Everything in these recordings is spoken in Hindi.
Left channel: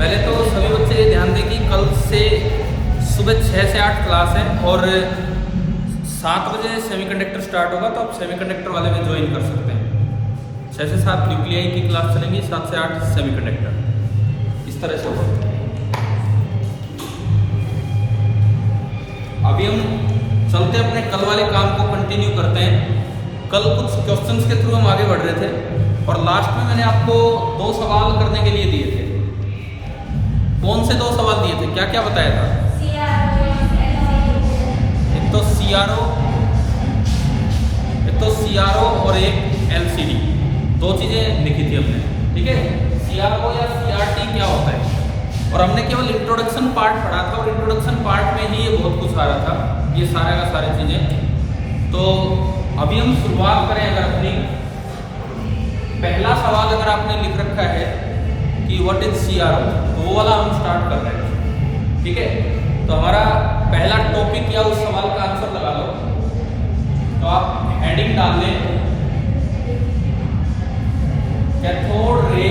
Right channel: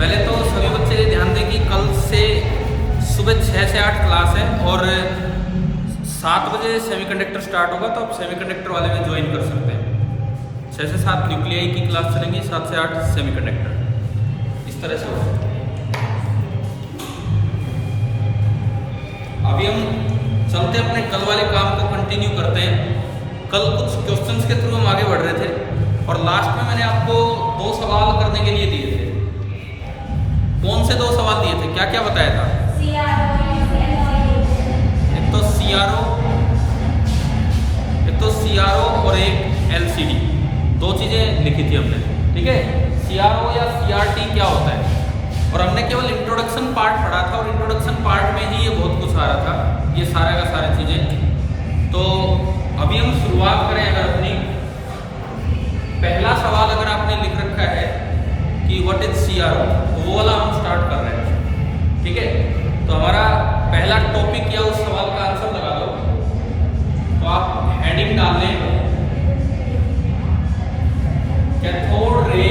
पहले तो सभी बच्चे ध्यान दें कि कल से सुबह 6 से 8 क्लास है और 7 बजे सेमीकंडक्टर स्टार्ट होगा, तो आप सेमीकंडक्टर वाले में ज्वाइन कर सकते हैं। 6 से 7 न्यूक्लियाई की क्लास चलेंगी, 7 से 8 सेमीकंडक्टर, इस तरह से होगा। अभी हम चलते अपने कल वाले काम को कंटिन्यू करते हैं। कल कुछ क्वेश्चंस के थ्रू हम आगे बढ़ रहे थे और लास्ट में मैंने आपको 2 सवाल करने के लिए दिए थे। कौन से 2 सवाल दिए थे, क्या क्या बताया था? एक तो CRO और एक LCD, 2 चीजें लिखी थी हमने, ठीक है। CRO या CRT क्या होता है, और हमने केवल इंट्रोडक्शन पार्ट पढ़ा था और इंट्रोडक्शन पार्ट में ही ये बहुत कुछ आ रहा था, ये सारा का सारी चीजें। तो अभी हम शुरुआत करें अगर अपनी, पहला सवाल अगर आपने लिख रखा है कि व्हाट इज CRO, तो वो वाला हम स्टार्ट कर रहे हैं, ठीक है। तो हमारा पहला टॉपिक या उस सवाल का आंसर लगा लो, तो आप हेडिंग डाल लें cathode ray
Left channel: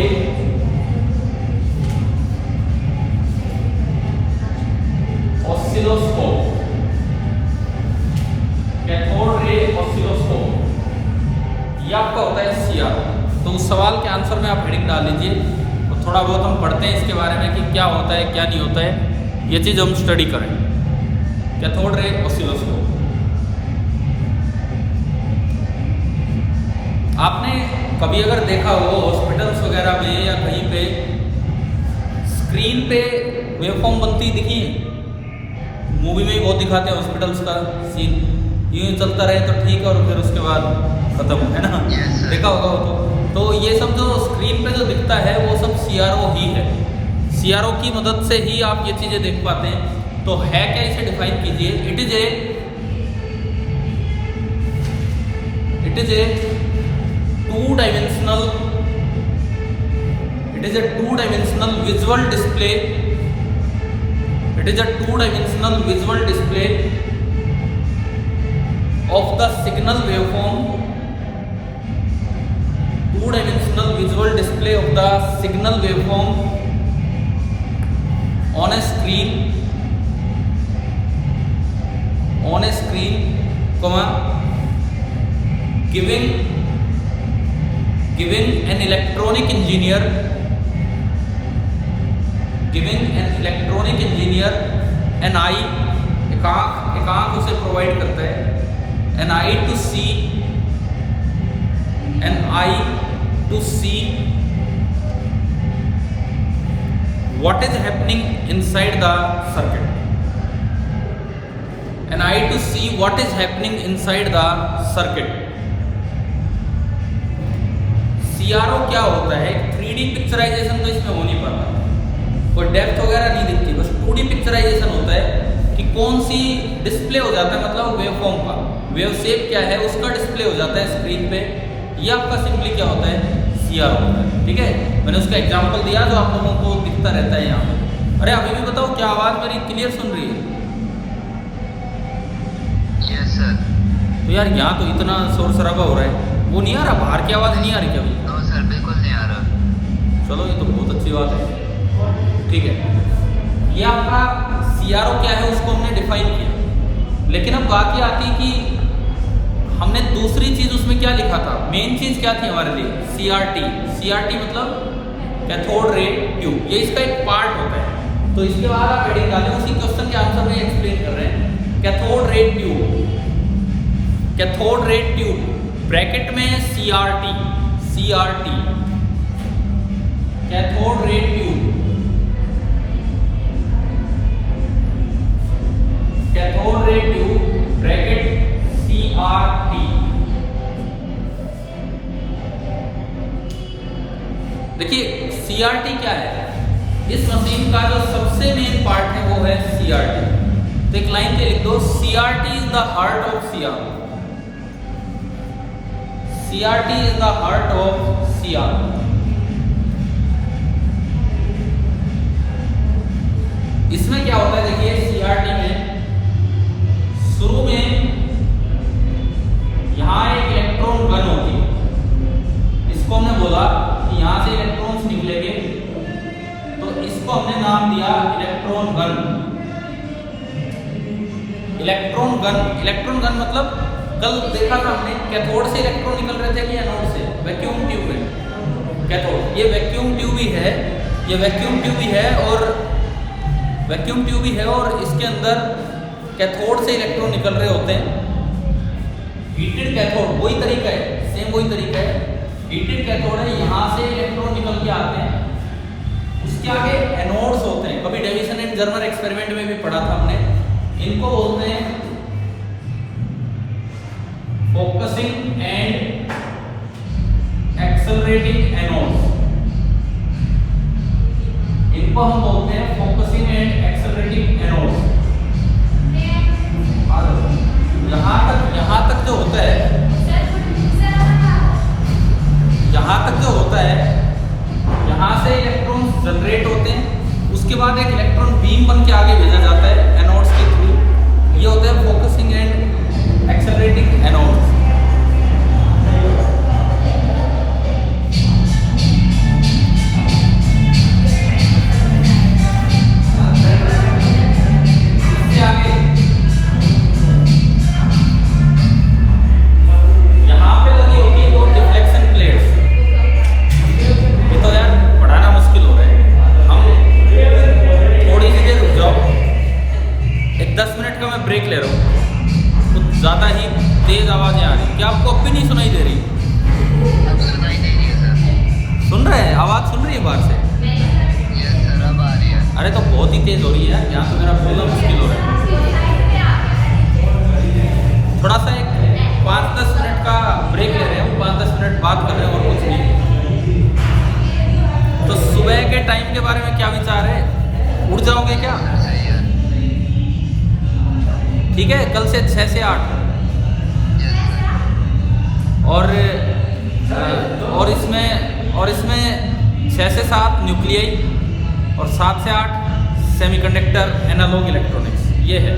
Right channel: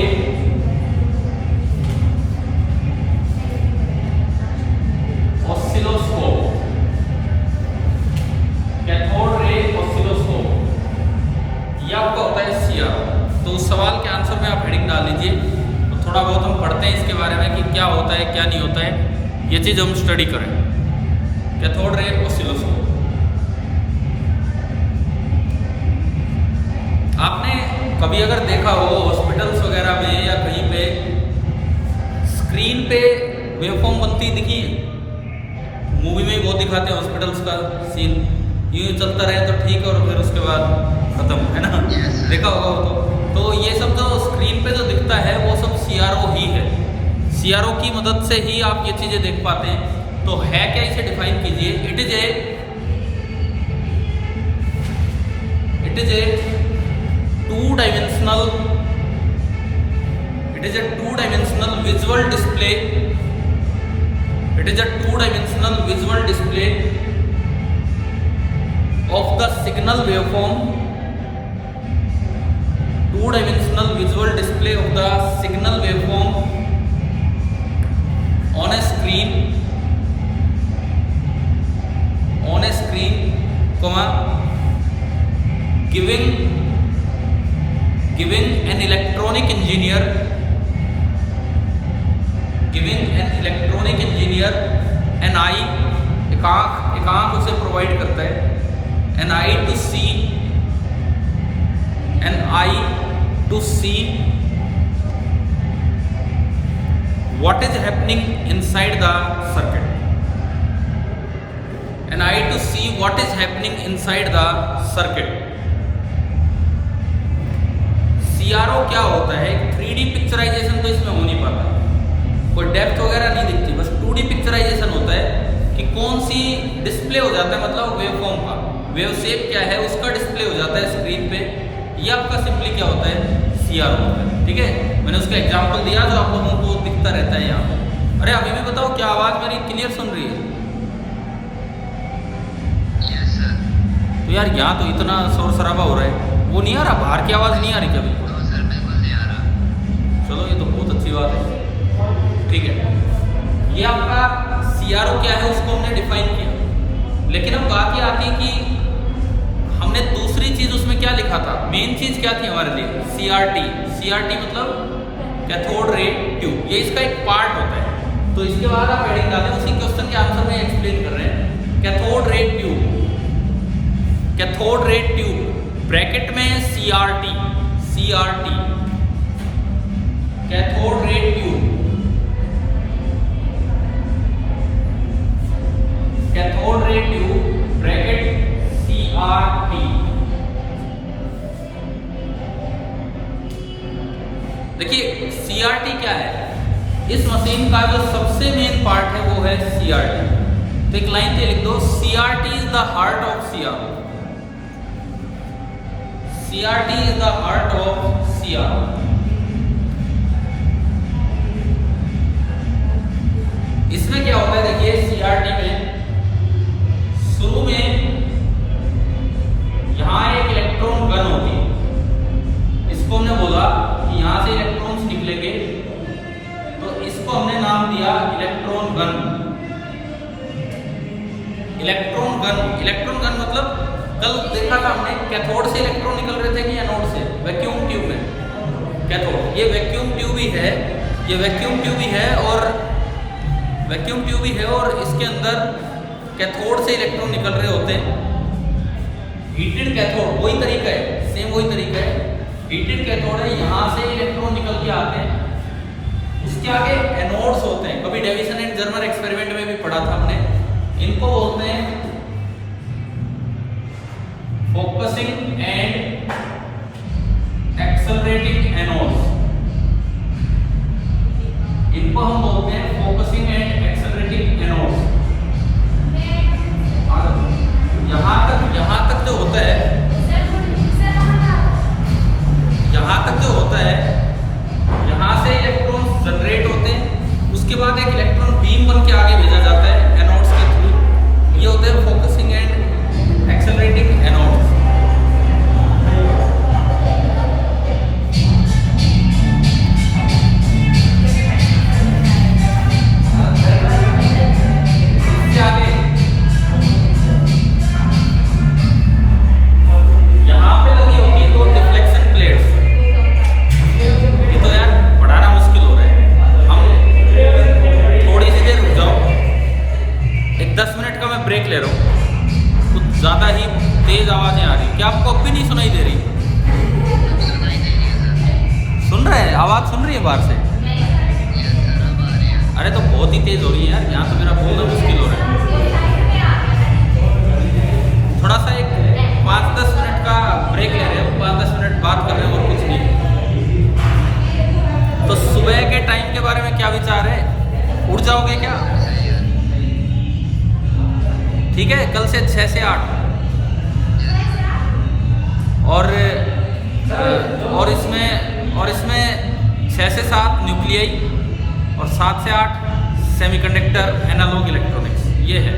oscilloscope, cathode ray oscilloscope, ये आपका होता है CRO। तो उस सवाल के आंसर में आप हेडिंग डाल लीजिए, तो थोड़ा बहुत हम पढ़ते हैं इसके बारे में कि क्या होता है क्या नहीं होता है, ये चीज़ हम स्टडी करें। कैथोड रे ऑसिलोस्कोप, आपने कभी अगर देखा हो हॉस्पिटल्स वगैरह में या कहीं पे स्क्रीन पे वेवफॉर्म बनती दिखी है, मूवी में भी बहुत दिखाते हैं हॉस्पिटल्स का सीन, यूं ही चलता रहे तो ठीक है और फिर उसके बाद खत्म, है ना, देखा होगा वो। तो ये सब जो स्क्रीन पे जो दिखता है वो सब CRO ही है। CRO की मदद से ही आप ये चीज़ें देख पाते हैं। तो है क्या, इसे डिफाइन कीजिए। It is a two dimensional visual display, it is a two-dimensional visual display of the signal waveform, two-dimensional visual display of the signal waveform on a screen, comma, giving an electronic engineer an eye, एक आंख उसे प्रोवाइड करता है, an eye to see what is happening inside the circuit, an eye to see what is happening inside the circuit। CRO क्या होता है, 3D पिक्चराइजेशन तो इसमें हो नहीं पाता, कोई डेप्थ वगैरह नहीं दिखती, बस 2D पिक्चराइजेशन होता है कि कौन सी डिस्प्ले हो जाता है, मतलब वेवफॉर्म का वेव शेप क्या है उसका डिस्प्ले हो जाता है स्क्रीन पे। ये आपका सिंपली क्या होता है, CRO होता है, ठीक है। मैंने उसका एग्जांपल दिया जो आप लोगों को दिखता रहता है यहाँ पे। अरे अभी भी बताओ, क्या आवाज़ मेरी क्लियर सुन रही है? Yes sir. तो यार यहाँ तो इतना शोर शराबा हो रहा है, वो नहीं आ रहा, बाहर की आवाज़ नहीं आ रही क्या? बिल्कुल सर, बिल्कुल नहीं आ रहा। चलो ये तो बहुत अच्छी बात है, ठीक है। ये आपका CRO क्या है उसको हमने डिफाइन किया, लेकिन अब बाकी आती है कि हमने दूसरी चीज उसमें क्या लिखा था। मेन चीज क्या थी हमारे लिए, CRT मतलब कैथोड रे ट्यूब, ये इसका एक पार्ट होता है। तो इसके बाद आप हेडिंग डालें, उसी क्वेश्चन के आंसर में एक्सप्लेन कर रहे हैं। कैथोड रे ट्यूब ब्रैकेट में CRT, cathode ray tube, cathode ray tube bracket CRT। देखिए CRT क्या है, इस मशीन का जो सबसे मेन पार्ट है वो है CRT। तो एक लाइन पे लिख दो, CRT is the heart of CRO, CRT is the heart of CRO। इसमें क्या होता है, देखिए CRT में शुरू में यहाँ एक इलेक्ट्रॉन गन होती है, इसको हमने बोला कि यहाँ से इलेक्ट्रॉन्स निकलेंगे, तो इसको इसको हमने नाम दिया इलेक्ट्रॉन गन। इलेक्ट्रॉन गन मतलब कल देखा था हमने कैथोड से इलेक्ट्रॉन निकल रहे थे कि एनोड से। वैक्यूम ट्यूब है कैथोड, ये वैक्यूम ट्यूब ही है, ये वैक्यूम ट्यूब ही है और इसके अंदर कैथोड से इलेक्ट्रॉन निकल रहे होते हैं। हीटेड कैथोड वही तरीका है, सेम वही तरीका है। हीटेड कैथोड है, यहाँ से इलेक्ट्रॉन निकल के आते हैं, उसके आगे एनोड्स होते हैं। कभी डेविसन एंड जर्मर एक्सपेरिमेंट में भी पढ़ा था हमने। इनको बोलते हैं फोकसिंग एंड एक्सेलरेटिंग एनोड्स। इनको हम बोलते हैं फोकसिंग एंड एक्सेलरेटिंग एनोड्स। यहाँ तक जो होता है, यहाँ से इलेक्ट्रॉन जनरेट होते हैं, उसके बाद एक इलेक्ट्रॉन बीम बन के आगे भेजा जाता है एनोड्स के थ्रू। ये होते हैं focusing and accelerating anodes. Break ले रहा हूँ, कुछ ज़्यादा ही तेज आवाज़ें आ रही। क्या आपको अब भी नहीं सुनाई दे रही? सुन रहे हैं? आवाज़ सुन रही है बाहर से? अरे तो बहुत ही तेज हो रही है, यहाँ तो मेरा बोलना मुश्किल हो रहा है। थोड़ा सा एक 5-10 मिनट का ब्रेक ले रहे हैं, 5-10 मिनट बात कर रहे हैं और कुछ नहीं। तो सुबह के टाइम के बारे में क्या विचार है? उठ जाओगे क्या? ठीक है, कल से 6 से 8 और इसमें 6 से 7 न्यूक्लियाई और 7 से 8 सेमीकंडक्टर एनालॉग इलेक्ट्रॉनिक्स। ये है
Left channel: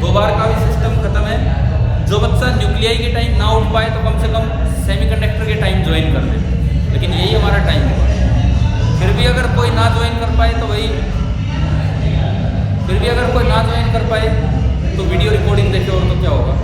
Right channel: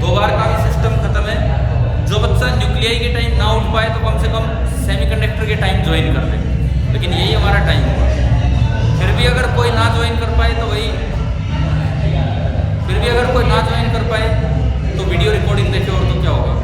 2 बार का भी सिस्टम खत्म है। जो बच्चा न्यूक्लियाई के टाइम ना उठ पाए तो कम से कम सेमीकंडक्टर के टाइम ज्वाइन कर दे, लेकिन यही हमारा टाइम होगा। फिर भी अगर कोई ना ज्वाइन कर पाए तो वीडियो रिकॉर्डिंग देखे, और तो क्या होगा।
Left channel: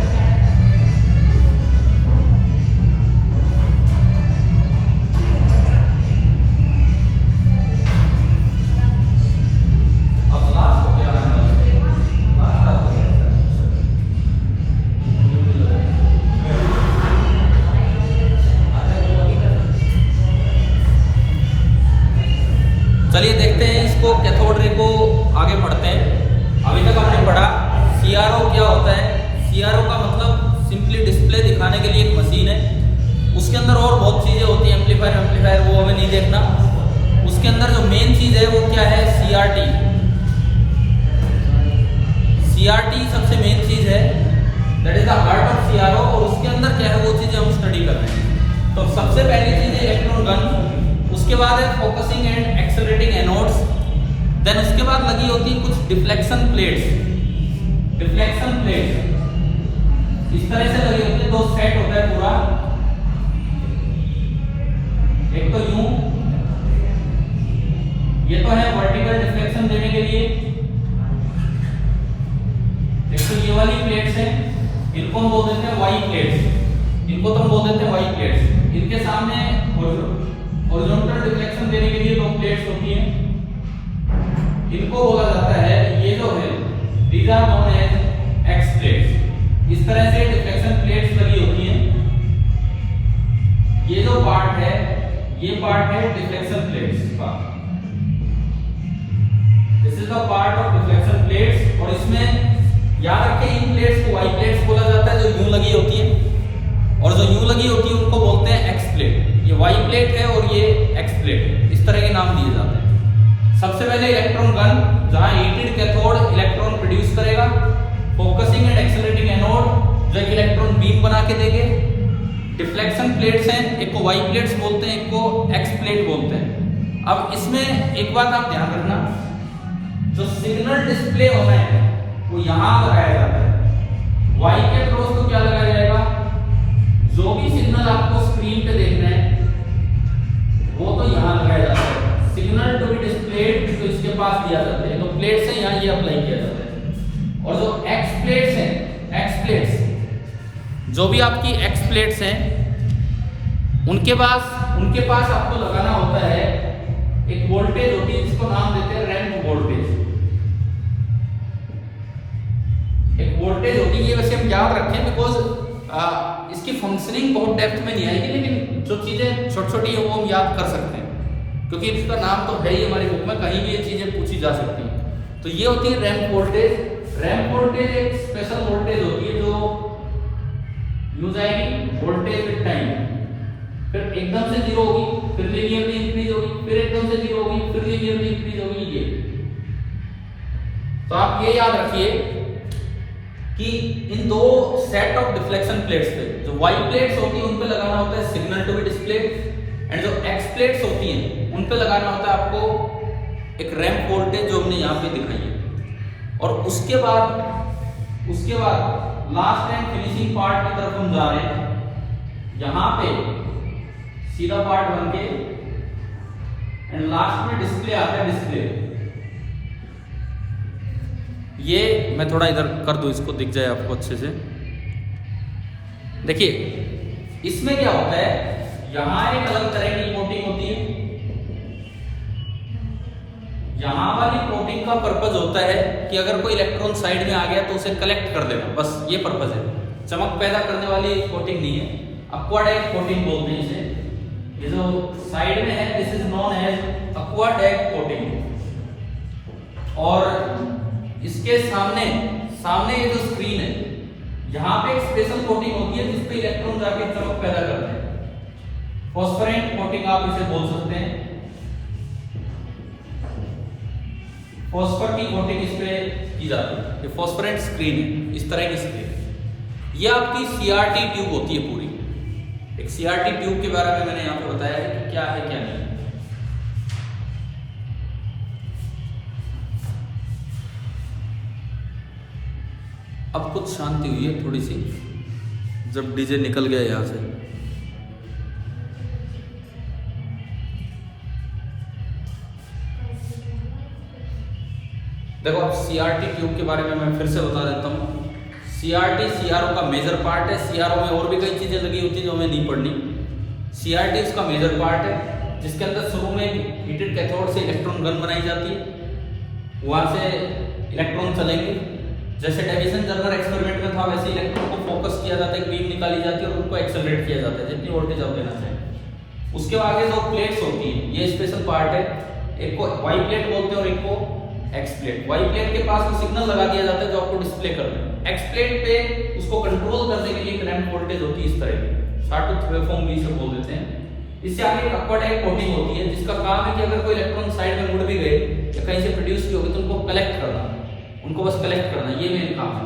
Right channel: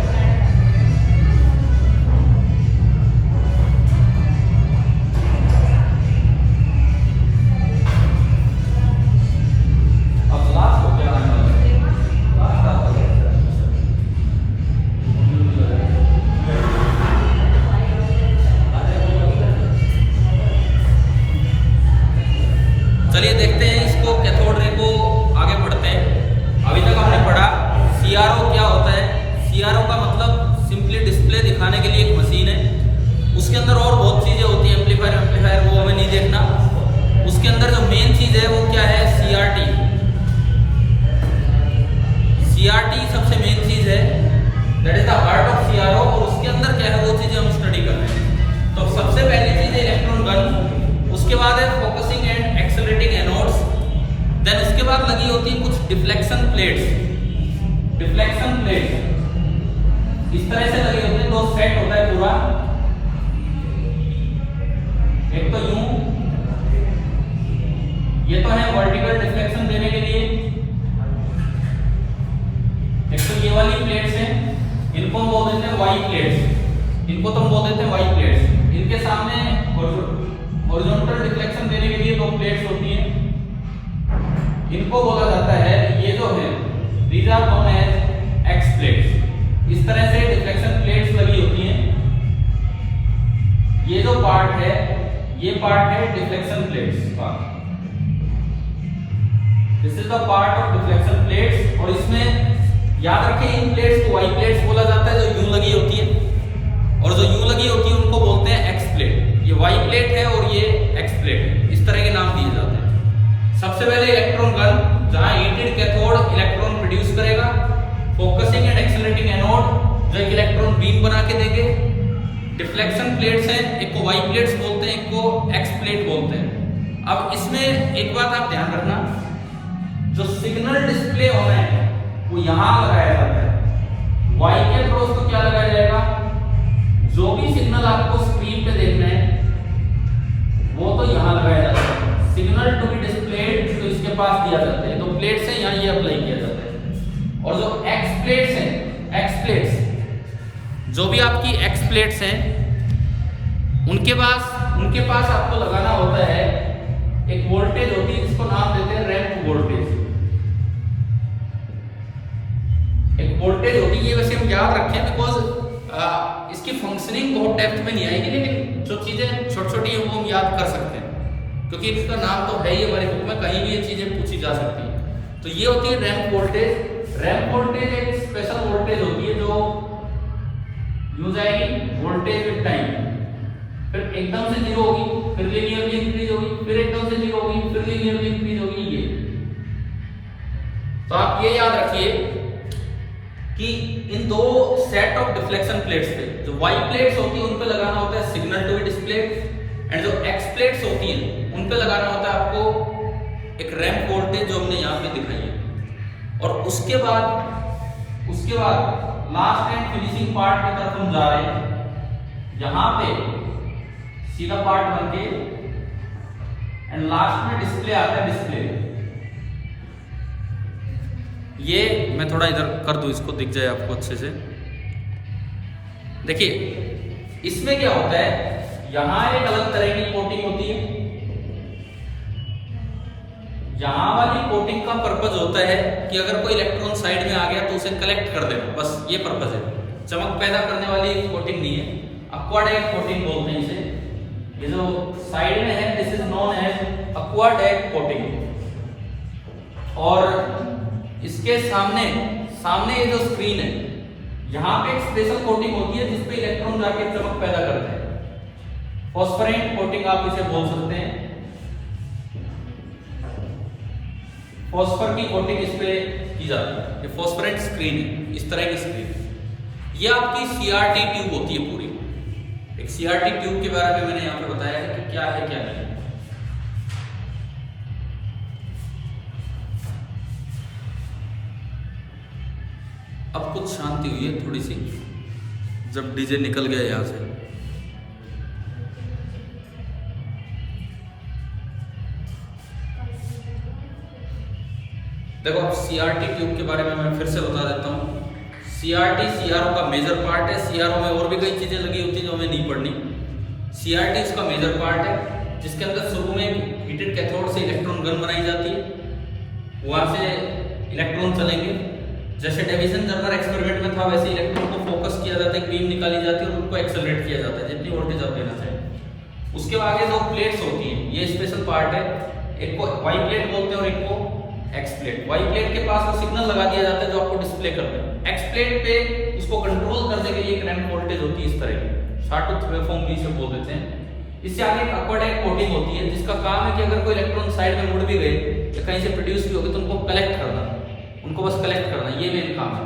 चलिए देखते हैं इसको, कैथोड रे को आगे बढ़ते हैं। अभी तक हमने पढ़ा CRO क्या होता है। CRO का मतलब सिंपली डिस्प्ले दिखाने के लिए एक मशीन है। उसके अंदर और बहुत चीज़ें होती हैं, एम्पलीफायर, वो हमें नहीं देखना। उसके अंदर जो मेन चीज़ है वो क्या है? CRT सबसे मेन चीज़ है, that is the heart of CRO। और उसके अंदर क्या है वो चीज़ें हम स्टडी कर रहे हैं। तो सबसे पहली चीज़ है इलेक्ट्रॉन गन, उसके बाद है focusing and accelerating anodes, then उसके बाद लगी होती है कुछ डिफ्लेक्शन प्लेट्स। इस तरह से लगे होते हैं, 2 सेट होता है पूरा। एक तो यूं, ये तो है वर्टिकल डिफ्लेक्शन देने के लिए। एक तो ये वाली प्लेट्स है, इनको हम बोल देते हैं वाई प्लेट्स। इनके सामने हॉरिजॉन्टल डिफ्लेक्शन देने के लिए 2 प्लेट्स होती हैं। इनको बोला जाता है, ये जो है these are known as X plates। इस तरह से डिफ्लेक्शन प्लेट्स लगी होती हैं। ये जो पार्ट है, ये पार्ट है डिफ्लेक्शन प्लेट्स का। This is the part of deflection plates. और इसमें याद रखें, इन प्लेट्स को वाई प्लेट्स बोला जाता है, जो यूं लगी होती है, और जो यूं लगी होती है उनको बोलते हैं एक्स प्लेट। ये वाई प्लेट है और ये एक्स प्लेट है, इस तरह के नाम दिए जाते हैं। सबसे पहले इलेक्ट्रॉन गन, जहां हीटेड कैथोड इलेक्ट्रॉन प्रोड्यूस करेगा। फोकसिंग एंड एक्सेलरेटिंग एनोड, जो एक इलेक्ट्रॉन बीम बना के देंगे। डिफ्लेक्शन प्लेट्स हैं, एक को वाई प्लेट्स बोलते हैं, एक को एक्स प्लेट बोलते हैं। अब इसमें एक बात आप ध्यान रखना, जो सिग्नल डिस्प्ले होना है वो यहां लगाया जाता है। वाई के क्रॉस को क्या लगाया जाएगा? जो भी सिग्नल आपको स्क्रीन पे देखना है वो तो यहां लगाया जाता है। सिग्नल टू बी डिस्प्ले दिया जाता है। तो प्लेट्स हैं यहाँ, ये अप्लाई किया जाता है। और जो एक्स प्लेट्स हैं, एक्स प्लेट्स, जो भी आपकी एक्स प्लेट्स हैं, उनके पास आपको लगाना होता है एक वोल्टेज होती है जिसको नाम देते हैं रैंप वोल्टेज। एक वोल्टेज होती है, ये वैसे हम याद रखें बिकॉज इसकी फंक्शनिंग बहुत डेप्थ में नहीं आएगी, लेकिन जो चीजें छोटी छोटी है वो हम याद कर सकते हैं, क्योंकि इसका नाम तो है ही हमारी बुक में, कहीं भी ये चीजें पूछी जा सकती हैं। तो ये होती है रैंप वोल्टेज। रैंप वोल्टेज एक स्पेशल वोल्टेज होती है जो यूं जाएगी वोल्टेज विद टाइम, फिर एकदम से जीरो होगी, फिर लीनियरली इंक्रीज होगी, फिर एकदम से जीरो होगी, फिर लीनियरली इंक्रीज होगी। ये तो आप ये याद रखिए कि इन दो सेट ऑफ डिफ्लेक्शन प्लेट्स पे, जो वाई प्लेट्स होती है उन पे लगाना होता है signal to be display, and जो एक्स प्लेट्स होती हैं उन पे लगाना होता है आपको एक रैंप वोल्टेज जो हमने यहाँ पे दिखाई है। और उसके बाद लास्ट एंड फिनिशिंग पार्ट की तरफ हम जा रहे हैं। यहाँ पे सीधा पार्ट बन के एंड लास्ट में डिस्प्ले आता है, डिस्प्ले। ये मैं थोड़ा इधर कर दूं, इसको दिख जाए आपको अच्छे से। देखिए इसमें क्या होता है, यहां एक अलग तरह की कोटिंग होती है। यहां वाली कोटिंग का पर्पज होता है कि अगर कोई इलेक्ट्रॉन साइड में आ गया तो उसे कलेक्ट कर देना, बस ये पर्पज है। चमक पैदा करने वाली कोटिंग नहीं है, एक्वाडाइक कोटिंग बोलते हैं इसे। ये जो साइड में है this is known as aquadag coating. और इसके सामने ये जो स्क्रीन है, यहाँ पे एक स्पेशल कोटिंग होती है जिसपे इलेक्ट्रॉन जाके चमक पैदा करते हैं। फॉस्फोरेंट कोटिंग आप इसे बोल सकते हैं। फॉस्फर की कोटिंग इस पे की जाती है, ये फॉस्फोरेंट स्क्रीन, इस तरह की स्क्रीन। ये आपकी सीआरटी ट्यूब होती है पूरी। एक सीआरटी ट्यूब के बारे में मैंने यहाँ पे बताया कि क्या है क्या नहीं। अब कुछ शांति हुई है थोड़ी सी, जब डीजे निकल गया यहाँ से। देखो अब सीआरटी ट्यूब के बारे में मैं फिर से बता देता हूँ। सीआरटी सीआरओ का मेजर पार्ट है। सीआरओ में और भी कई चीजें लगी होती है जो हमें नहीं पढ़नी। सीआरटी इसका मेजर पार्ट है, जिसके अंदर शुरू में हीटेड कैथोड से इलेक्ट्रॉन गन बनाई जाती है। वहां से इलेक्ट्रॉन चलेंगे, जैसे डेविसन जर्मर एक्सपेरिमेंट में था वैसे इलेक्ट्रॉन को फोकस किया जाता है, बीम निकाली जाती है और उनको एक्सेलरेट किया जाता है जितनी वोल्टेज आप देना चाहें। उसके आगे दो प्लेट्स होती हैं, ये स्पेशल पार्ट है। एक को वाई प्लेट बोलते हैं और एक को एक्स प्लेट। वाई प्लेट के पास वो सिग्नल लगा दिया जाता है जो आपको डिस्प्ले करना है। एक्स प्लेट पे उसको कंट्रोल करने के लिए एक रैंप वोल्टेज होती है इस तरह की, शॉर्टूथ वेवफॉर्म भी इसे बोल देते हैं। इससे आगे एक एक्वाडाइक कोटिंग होती है जिसका काम है कि अगर कोई इलेक्ट्रॉन साइड में मुड़ भी गए या कहीं से प्रोड्यूस भी हो गए तो उनको कलेक्ट करना, उनको बस कलेक्ट करना, ये मेन काम है।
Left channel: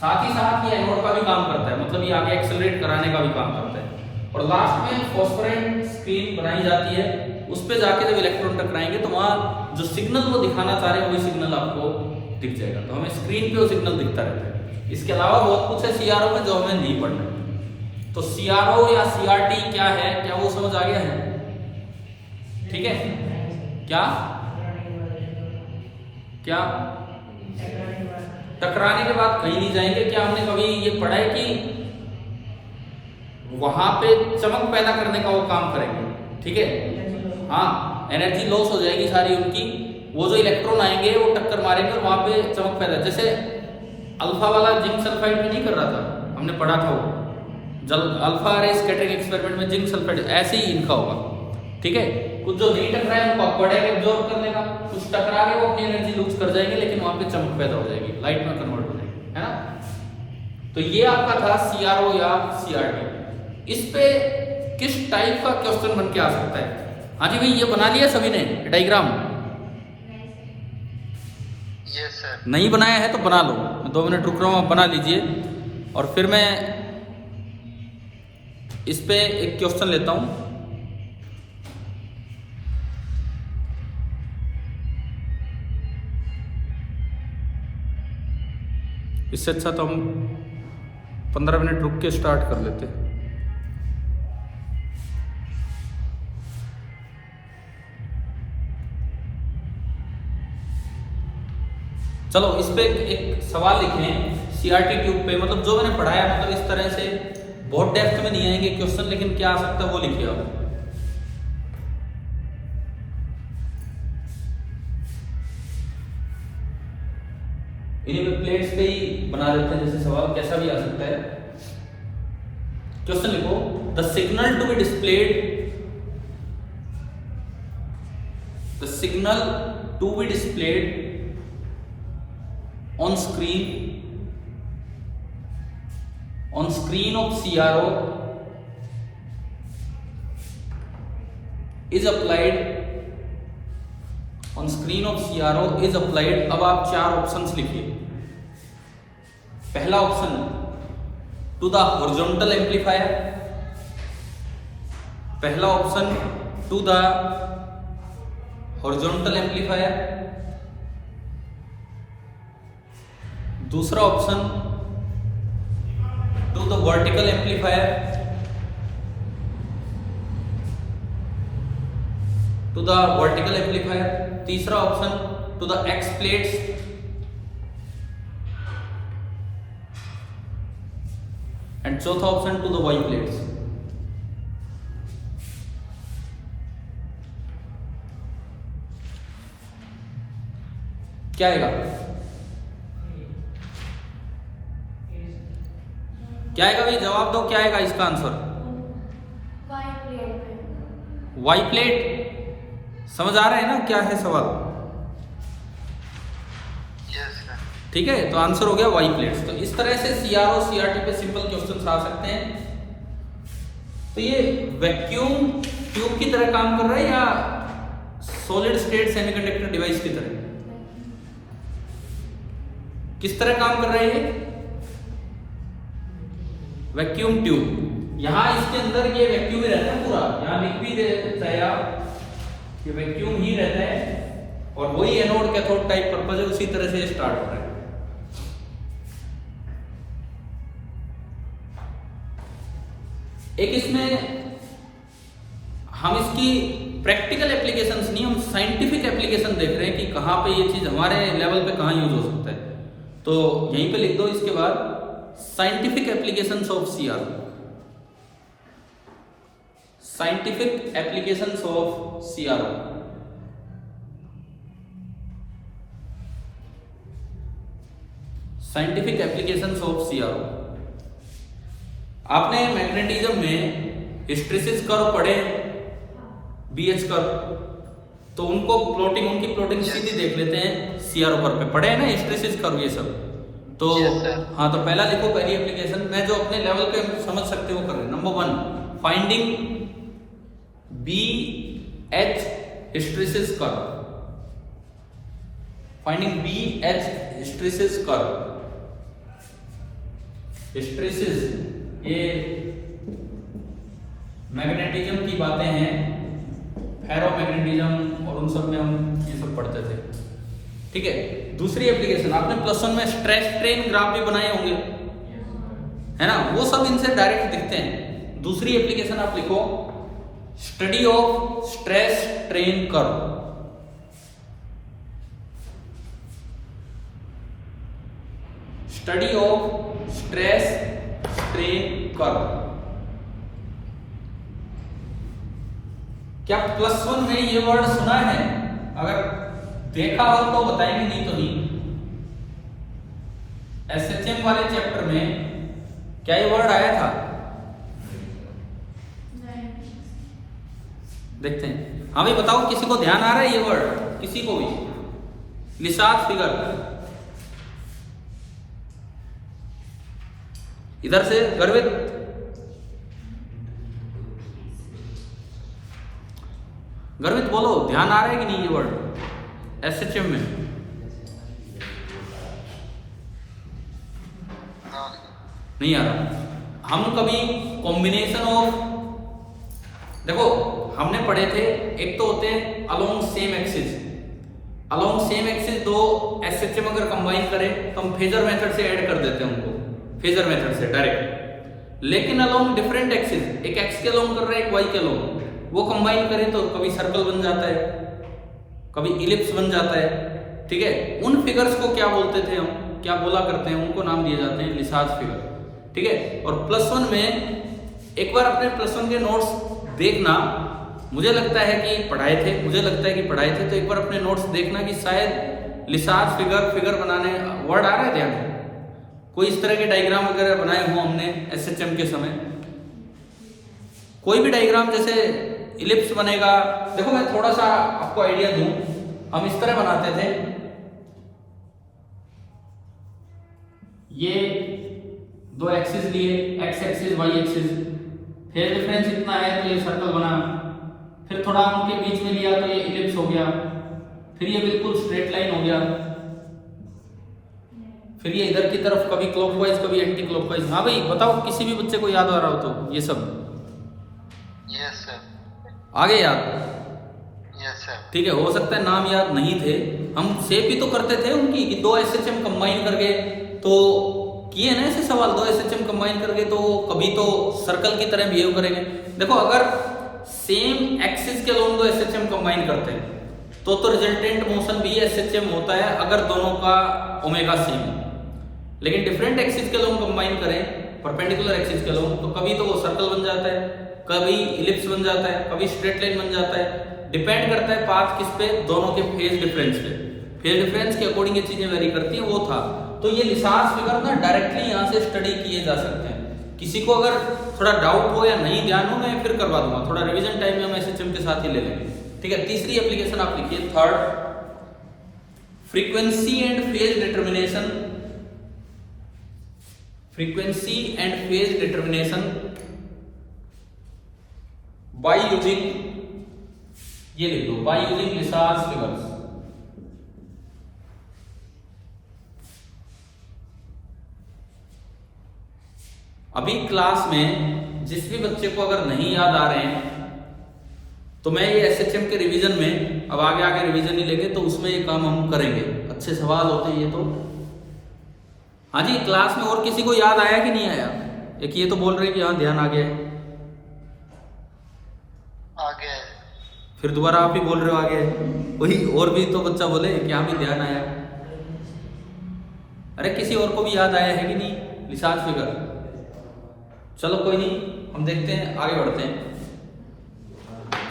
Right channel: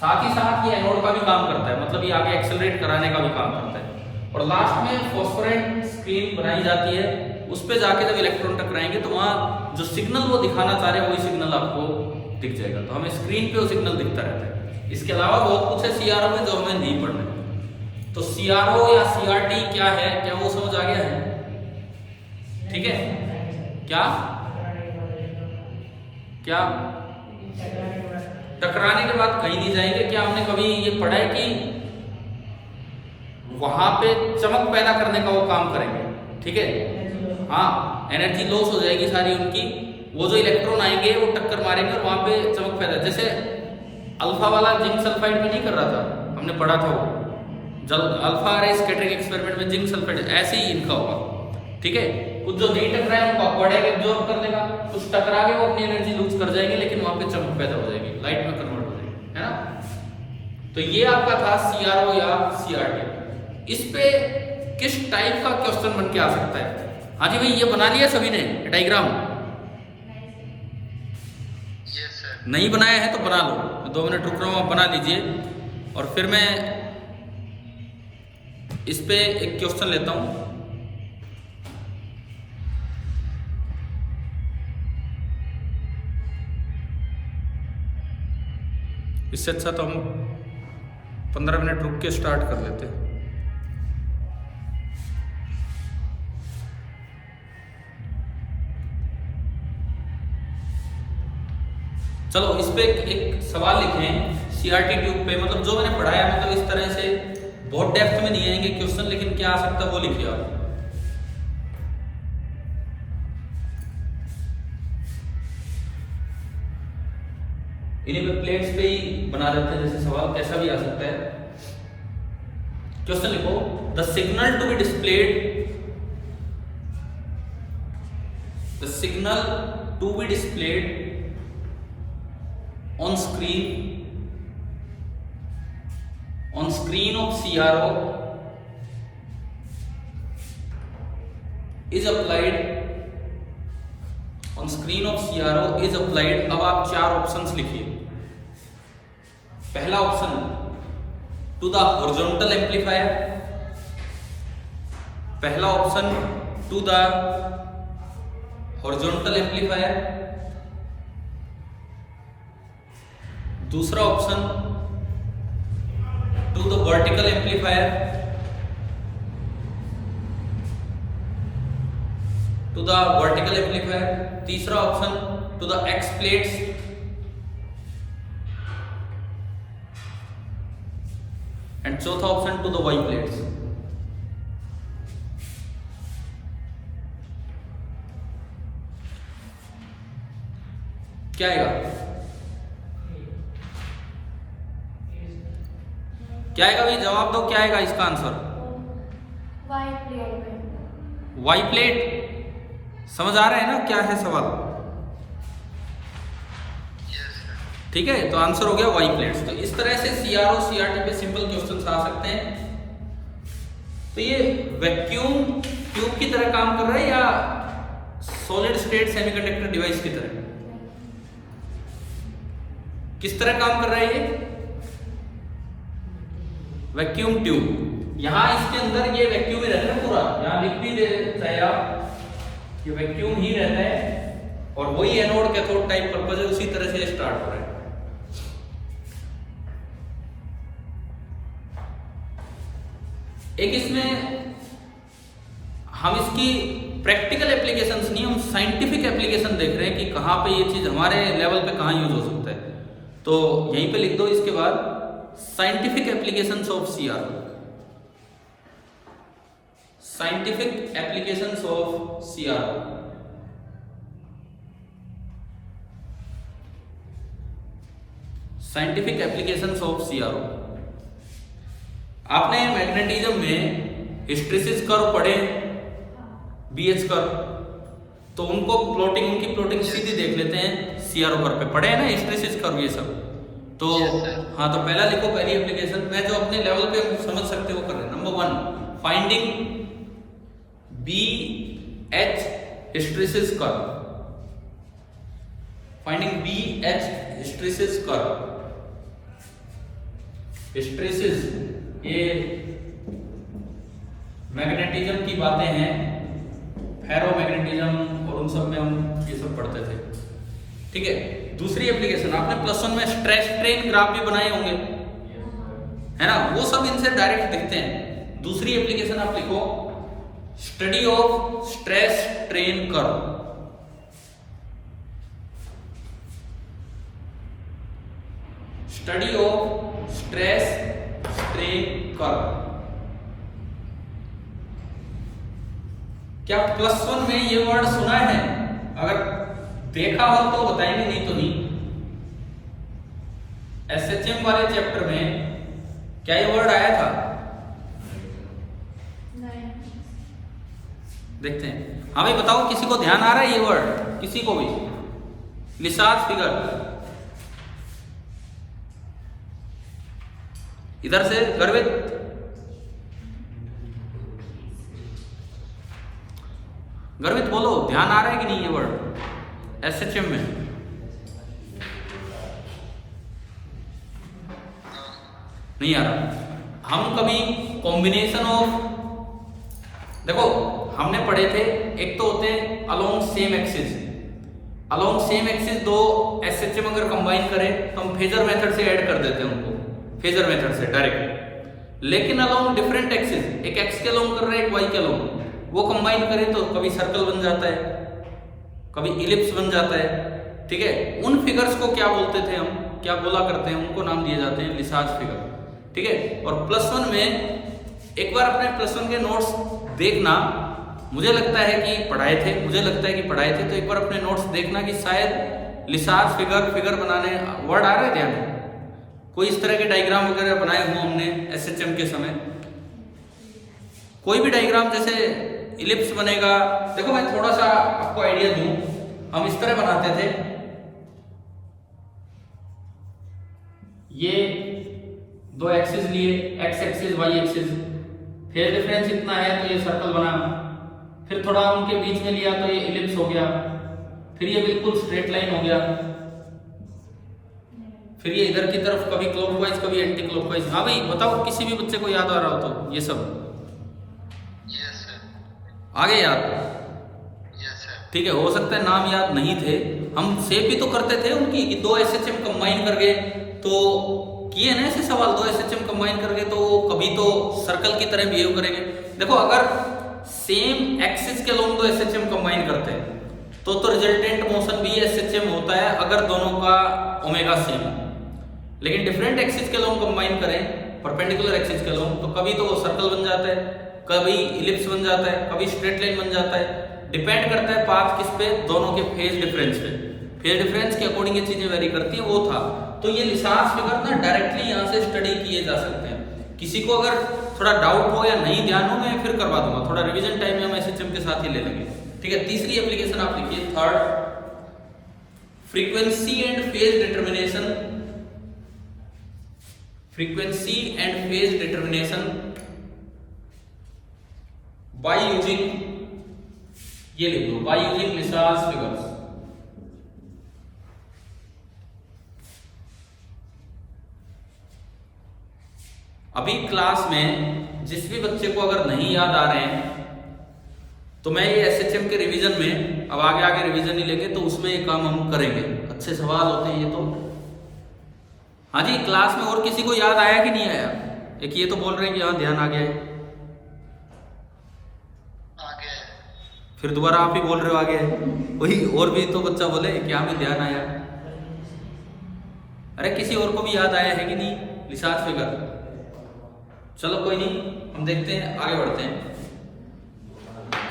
साथ ही साथ ये एनोड का भी काम करता है, मतलब ये आगे एक्सेलरेट कराने का भी काम करता है। और लास्ट में फॉस्फोरेंट स्क्रीन बनाई जाती है, उस पे जाके जब इलेक्ट्रॉन टकराएंगे तो वहाँ जो सिग्नल वो दिखाना चाह रहे हैं वही सिग्नल आपको दिख जाएगा। तो हमें स्क्रीन पे वो सिग्नल दिखता रहता है। इसके अलावा बहुत कुछ है सीआरओ में जो हमें नहीं पढ़ना। तो सीआरओ या सीआरटी क्या है, क्या वो समझ आ गया है? ठीक है, क्या क्या टकराने के बाद कहीं नहीं जाएंगे। क्या हमने कभी ये पढ़ा है कि वहां पे चमक पैदा करने का वो काम करेंगे? ठीक है, हाँ, एनर्जी लॉस हो जाएगी सारी उनकी। वो जो इलेक्ट्रॉन आएंगे वो टक्कर मारेंगे और वहां पे चमक पैदा, जैसे अल्फा वाला जिंक सल्फाइड में नहीं कर रहा था, हमने पढ़ा था वो जल अल्फा रे स्कैटरिंग एक्सपेरिमेंट में जिंक सल्फाइड, ऐसे ही इनका होगा। ठीक है, कुछ जो नहीं टकराए उनको एक्वाडाइक एब्जॉर्ब कर लेगा, कुछ टकरा गए वो अपनी एनर्जी लूज कर जाएंगे लेकिन वहां पे चमक पैदा हो जाएगी, लाइट में कन्वर्ट हो जाएगी, है ना। तो ये आपका था सीआरओ या सीआरटी। इस पे किस टाइप का क्वेश्चन बन के आ सकता है? हाँ जी भाई, ये बना लिया सभी ने डायग्राम? Yes sir. नहीं बनाया है तो बना लो, 2 मिनट रुक रहा हूँ, आप बना लीजिए। और फिर मैं इस पे एक क्वेश्चन लेता हूँ। इससे अच्छा तो हम 15 मिनट रुक के स्टार्ट कर लेते हैं। चलो इस पे एक सवाल लिखें सीआरटी ट्यूब पे, मतलब जो मैंने पढ़ाया मतलब इस तरह से बहुत डेप्थ में नहीं आएंगे क्वेश्चन, लेकिन क्या आ सकता है वो लिखिए आप। इन्हीं पे प्लेट्स पे ही बना देते हैं जैसे सवाल, कैसा भी आ सकता है। क्वेश्चन लिखो, the signal to be displayed, the signal to be displayed on screen of CRO is applied, on screen of CRO is applied। अब आप चार ऑप्शंस लिखिए। पहला option to the horizontal amplifier, पहला option to the horizontal amplifier, दूसरा option to the vertical amplifier, to the vertical amplifier, तीसरा option to the X plates, and चौथा option to the Y plates. क्या आएगा? क्या आएगा भाई, जवाब दो, क्या आएगा इसका आंसर? Y plate. समझ आ रहे हैं ना क्या है सवाल? ठीक है, तो आंसर हो गया वाई प्लेट्स। तो इस तरह से सीआरओ सीआरटी पे सिंपल क्वेश्चन आ सकते हैं। तो ये वैक्यूम ट्यूब की तरह काम कर रहा है या सॉलिड स्टेट सेमीकंडक्टर डिवाइस की तरह? किस तरह काम कर रहा है ये? Vacuum tube. यहां इसके अंदर ये वैक्यूम ही रहता है पूरा, यहां लिख भी देते हैं आप कि वैक्यूम ही रहता है, और वही एनोड कैथोड टाइप पर्पस है, उसी तरह से स्टार्ट हो रहा है। एक इसमें हम इसकी प्रैक्टिकल एप्लीकेशंस नहीं, हम साइंटिफिक एप्लीकेशन देख रहे हैं कि कहां पे ये चीज हमारे लेवल पे कहां यूज हो सकता है। तो यहीं पे लिख दो इसके बाद scientific applications of CRO, scientific applications of CRO. Scientific applications of CRO. आपने मैग्नेटिज्म में हिस्टैरिसीस कर्व पढ़े, बीएच कर्व, तो उनको प्लॉटिंग, उनकी प्लॉटिंग सीधी देख लेते हैं सीआरओ कर्व पे। पढ़े हैं ना हिस्टैरिसीस कर्व ये सब? तो हाँ, तो पहला लिखो, पहली एप्लीकेशन। मैं जो अपने लेवल पे समझ सकते हो कर रहे। Number 1, finding B H hysteresis curve, finding B H hysteresis curve. Hysteresis ये मैग्नेटिज्म की बातें हैं, फेरोमैग्नेटिज्म और उन सब में हम ये सब पढ़ते थे। ठीक है, दूसरी एप्लीकेशन आपने +1 में स्ट्रेस स्ट्रेन ग्राफ भी बनाए होंगे, है ना? वो सब इनसे डायरेक्ट दिखते हैं। दूसरी एप्लीकेशन आप लिखो, study of stress strain curve. Study of stress strain curve. क्या +1 में ये वर्ड सुना है? अगर देखा हो तो बताएंगे, नहीं तो नहीं। एसएचएम वाले चैप्टर में क्या ये वर्ड आया था? नहीं। देखते हैं। हाँ भाई बताओ, किसी को ध्यान आ रहा है ये वर्ड? किसी को भी? निशात फिगर, इधर से गर्वित, गर्वित बोलो, ध्यान आ रहा है कि नहीं ये वर्ड एसएचएम में? नहीं आ रहा। हम कभी कॉम्बिनेशन ऑफ, देखो हमने पढ़े थे, एक तो होते हैं along same axis. Along same axis दो एसएचएम अगर कंबाइन करें तो हम फेजर मेथड से ऐड कर देते हैं उनको, फेजर मेथड से डायरेक्ट। लेकिन अलोंग डिफरेंट एक्सिस, एक एक्स के अलोंग कर रहे हैं, एक वाई के अलोंग, वो कंबाइन करें तो कभी सर्कल बन जाता है, कभी इलिप्स बन जाता है, ठीक है, उन फिगर्स को क्या बोलते थे हम, क्या बोला करते हैं, उनको नाम दिए जाते हैं लिसाज फिगर, ठीक है। और +1 में एक बार अपने +1 के नोट्स देखना, मुझे लगता है कि पढ़ाए थे, तो एक बार अपने नोट्स देखना कि शायद लिसाज फिगर बनाने वर्ड आ रहे थे हमें, कोई इस तरह के डायग्राम वगैरह बनाए हों हमने SHM के समय। कोई भी डायग्राम जैसे इलिप्स बनेगा, देखो मैं थोड़ा सा आपको आइडिया दूं, हम इस तरह बनाते थे, ये 2 एक्सिस लिए, x axis y axis, phase difference इतना है तो ये सर्कल बना, फिर थोड़ा उनके बीच में लिया तो ये इलिप्स हो गया, फिर ये बिल्कुल स्ट्रेट लाइन हो गया, फिर ये इधर की तरफ कभी क्लॉकवाइज कभी एंटी क्लॉकवाइज। हाँ भाई बताओ, किसी भी बच्चे को याद आ रहा हो तो ये सब यस सर, आगे याद, यस सर, ठीक है। हो सकता है नाम याद नहीं थे, हम शेप भी तो करते थे उनकी, 2 SHM कंबाइन करके तो किए ना ऐसे सवाल, 2 SHM कंबाइन करके तो वो कभी तो सर्कल की तरह बिहेव करेंगे। देखो अगर सेम एक्सिस के लोग 2 SHM कंबाइन करते हैं तो रिजल्टेंट मोशन भी SHM होता है अगर दोनों का ओमेगा सेम है। लेकिन डिफरेंट एक्सिस के लोग कंबाइन करें, परपेंडिकुलर एक्सिस के लोग, तो कभी तो वो सर्कल बन जाता है, कभी इलिप्स बन जाता है, कभी स्ट्रेट लाइन बन जाता है, डिपेंड करता है पाथ किस पे, दोनों के फेज डिफरेंस पे, फेज डिफरेंस के अकॉर्डिंग ये चीजें वेरी करती हैं, वो था। तो ये लिसाज फिगर ना डायरेक्टली यहाँ से स्टडी किए जा सकते हैं। किसी को अगर थोड़ा डाउट हो या नहीं ध्यान हो, मैं फिर करवा दूंगा, थोड़ा रिवीजन टाइम में हम SHM के साथ ही ले लेंगे, ठीक है। तीसरी एप्लीकेशन आप लिखिए, third, frequency and phase determination, frequency and phase determination by using, ये लिख लो, बाय यूजिंग लिसाज फिगर्स। अभी क्लास में जिस भी बच्चे को अगर नहीं याद आ रहे हैं तो मैं ये SHM के रिवीजन में, अब आगे रिवीजन ही लेंगे तो उसमें ये काम हम करेंगे, अच्छे सवाल होते हैं ये तो। हाँ जी, क्लास में और किसी को याद आया कि नहीं आया? एक ये तो बोल रहे कि हाँ ध्यान आ गया है, फिर दोबारा आप ही बोल रहे हो आ गया है, वही और भी तो बच्चा बोले कि हाँ भी ध्यान आया। अरे किसी और को भी याद आया है कि नहीं लिसाज फिगर? चलो कोई नहीं, हम देखते हैं, आगे बढ़ते हैं।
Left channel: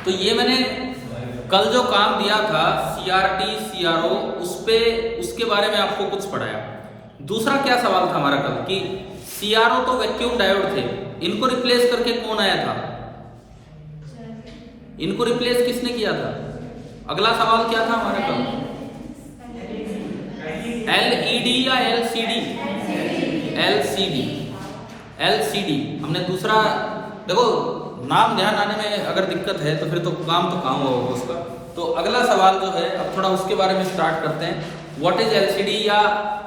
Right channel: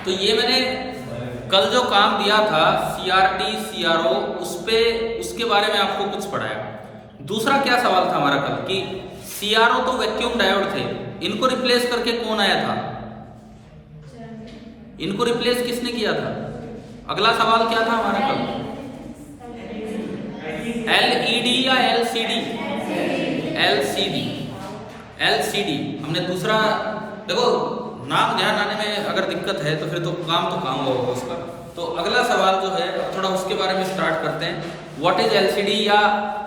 तो ये मैंने कल जो काम दिया था CRT CRO, उसके बारे में आपको कुछ पढ़ाया। दूसरा क्या सवाल था हमारा कल कि CRO तो वैक्यूम डायोड थे, इनको रिप्लेस करके कौन आया था? इनको रिप्लेस किसने किया था? अगला सवाल क्या था हमारा कल? LED या LCD? LCD हमने दूसरा, देखो नाम ध्यान आने में अगर दिक्कत है तो फिर तो काम होगा उसका। तो अगला सवाल जो है, अब थोड़ा उसके बारे में स्टार्ट करते हैं। व्हाट इज LCD, या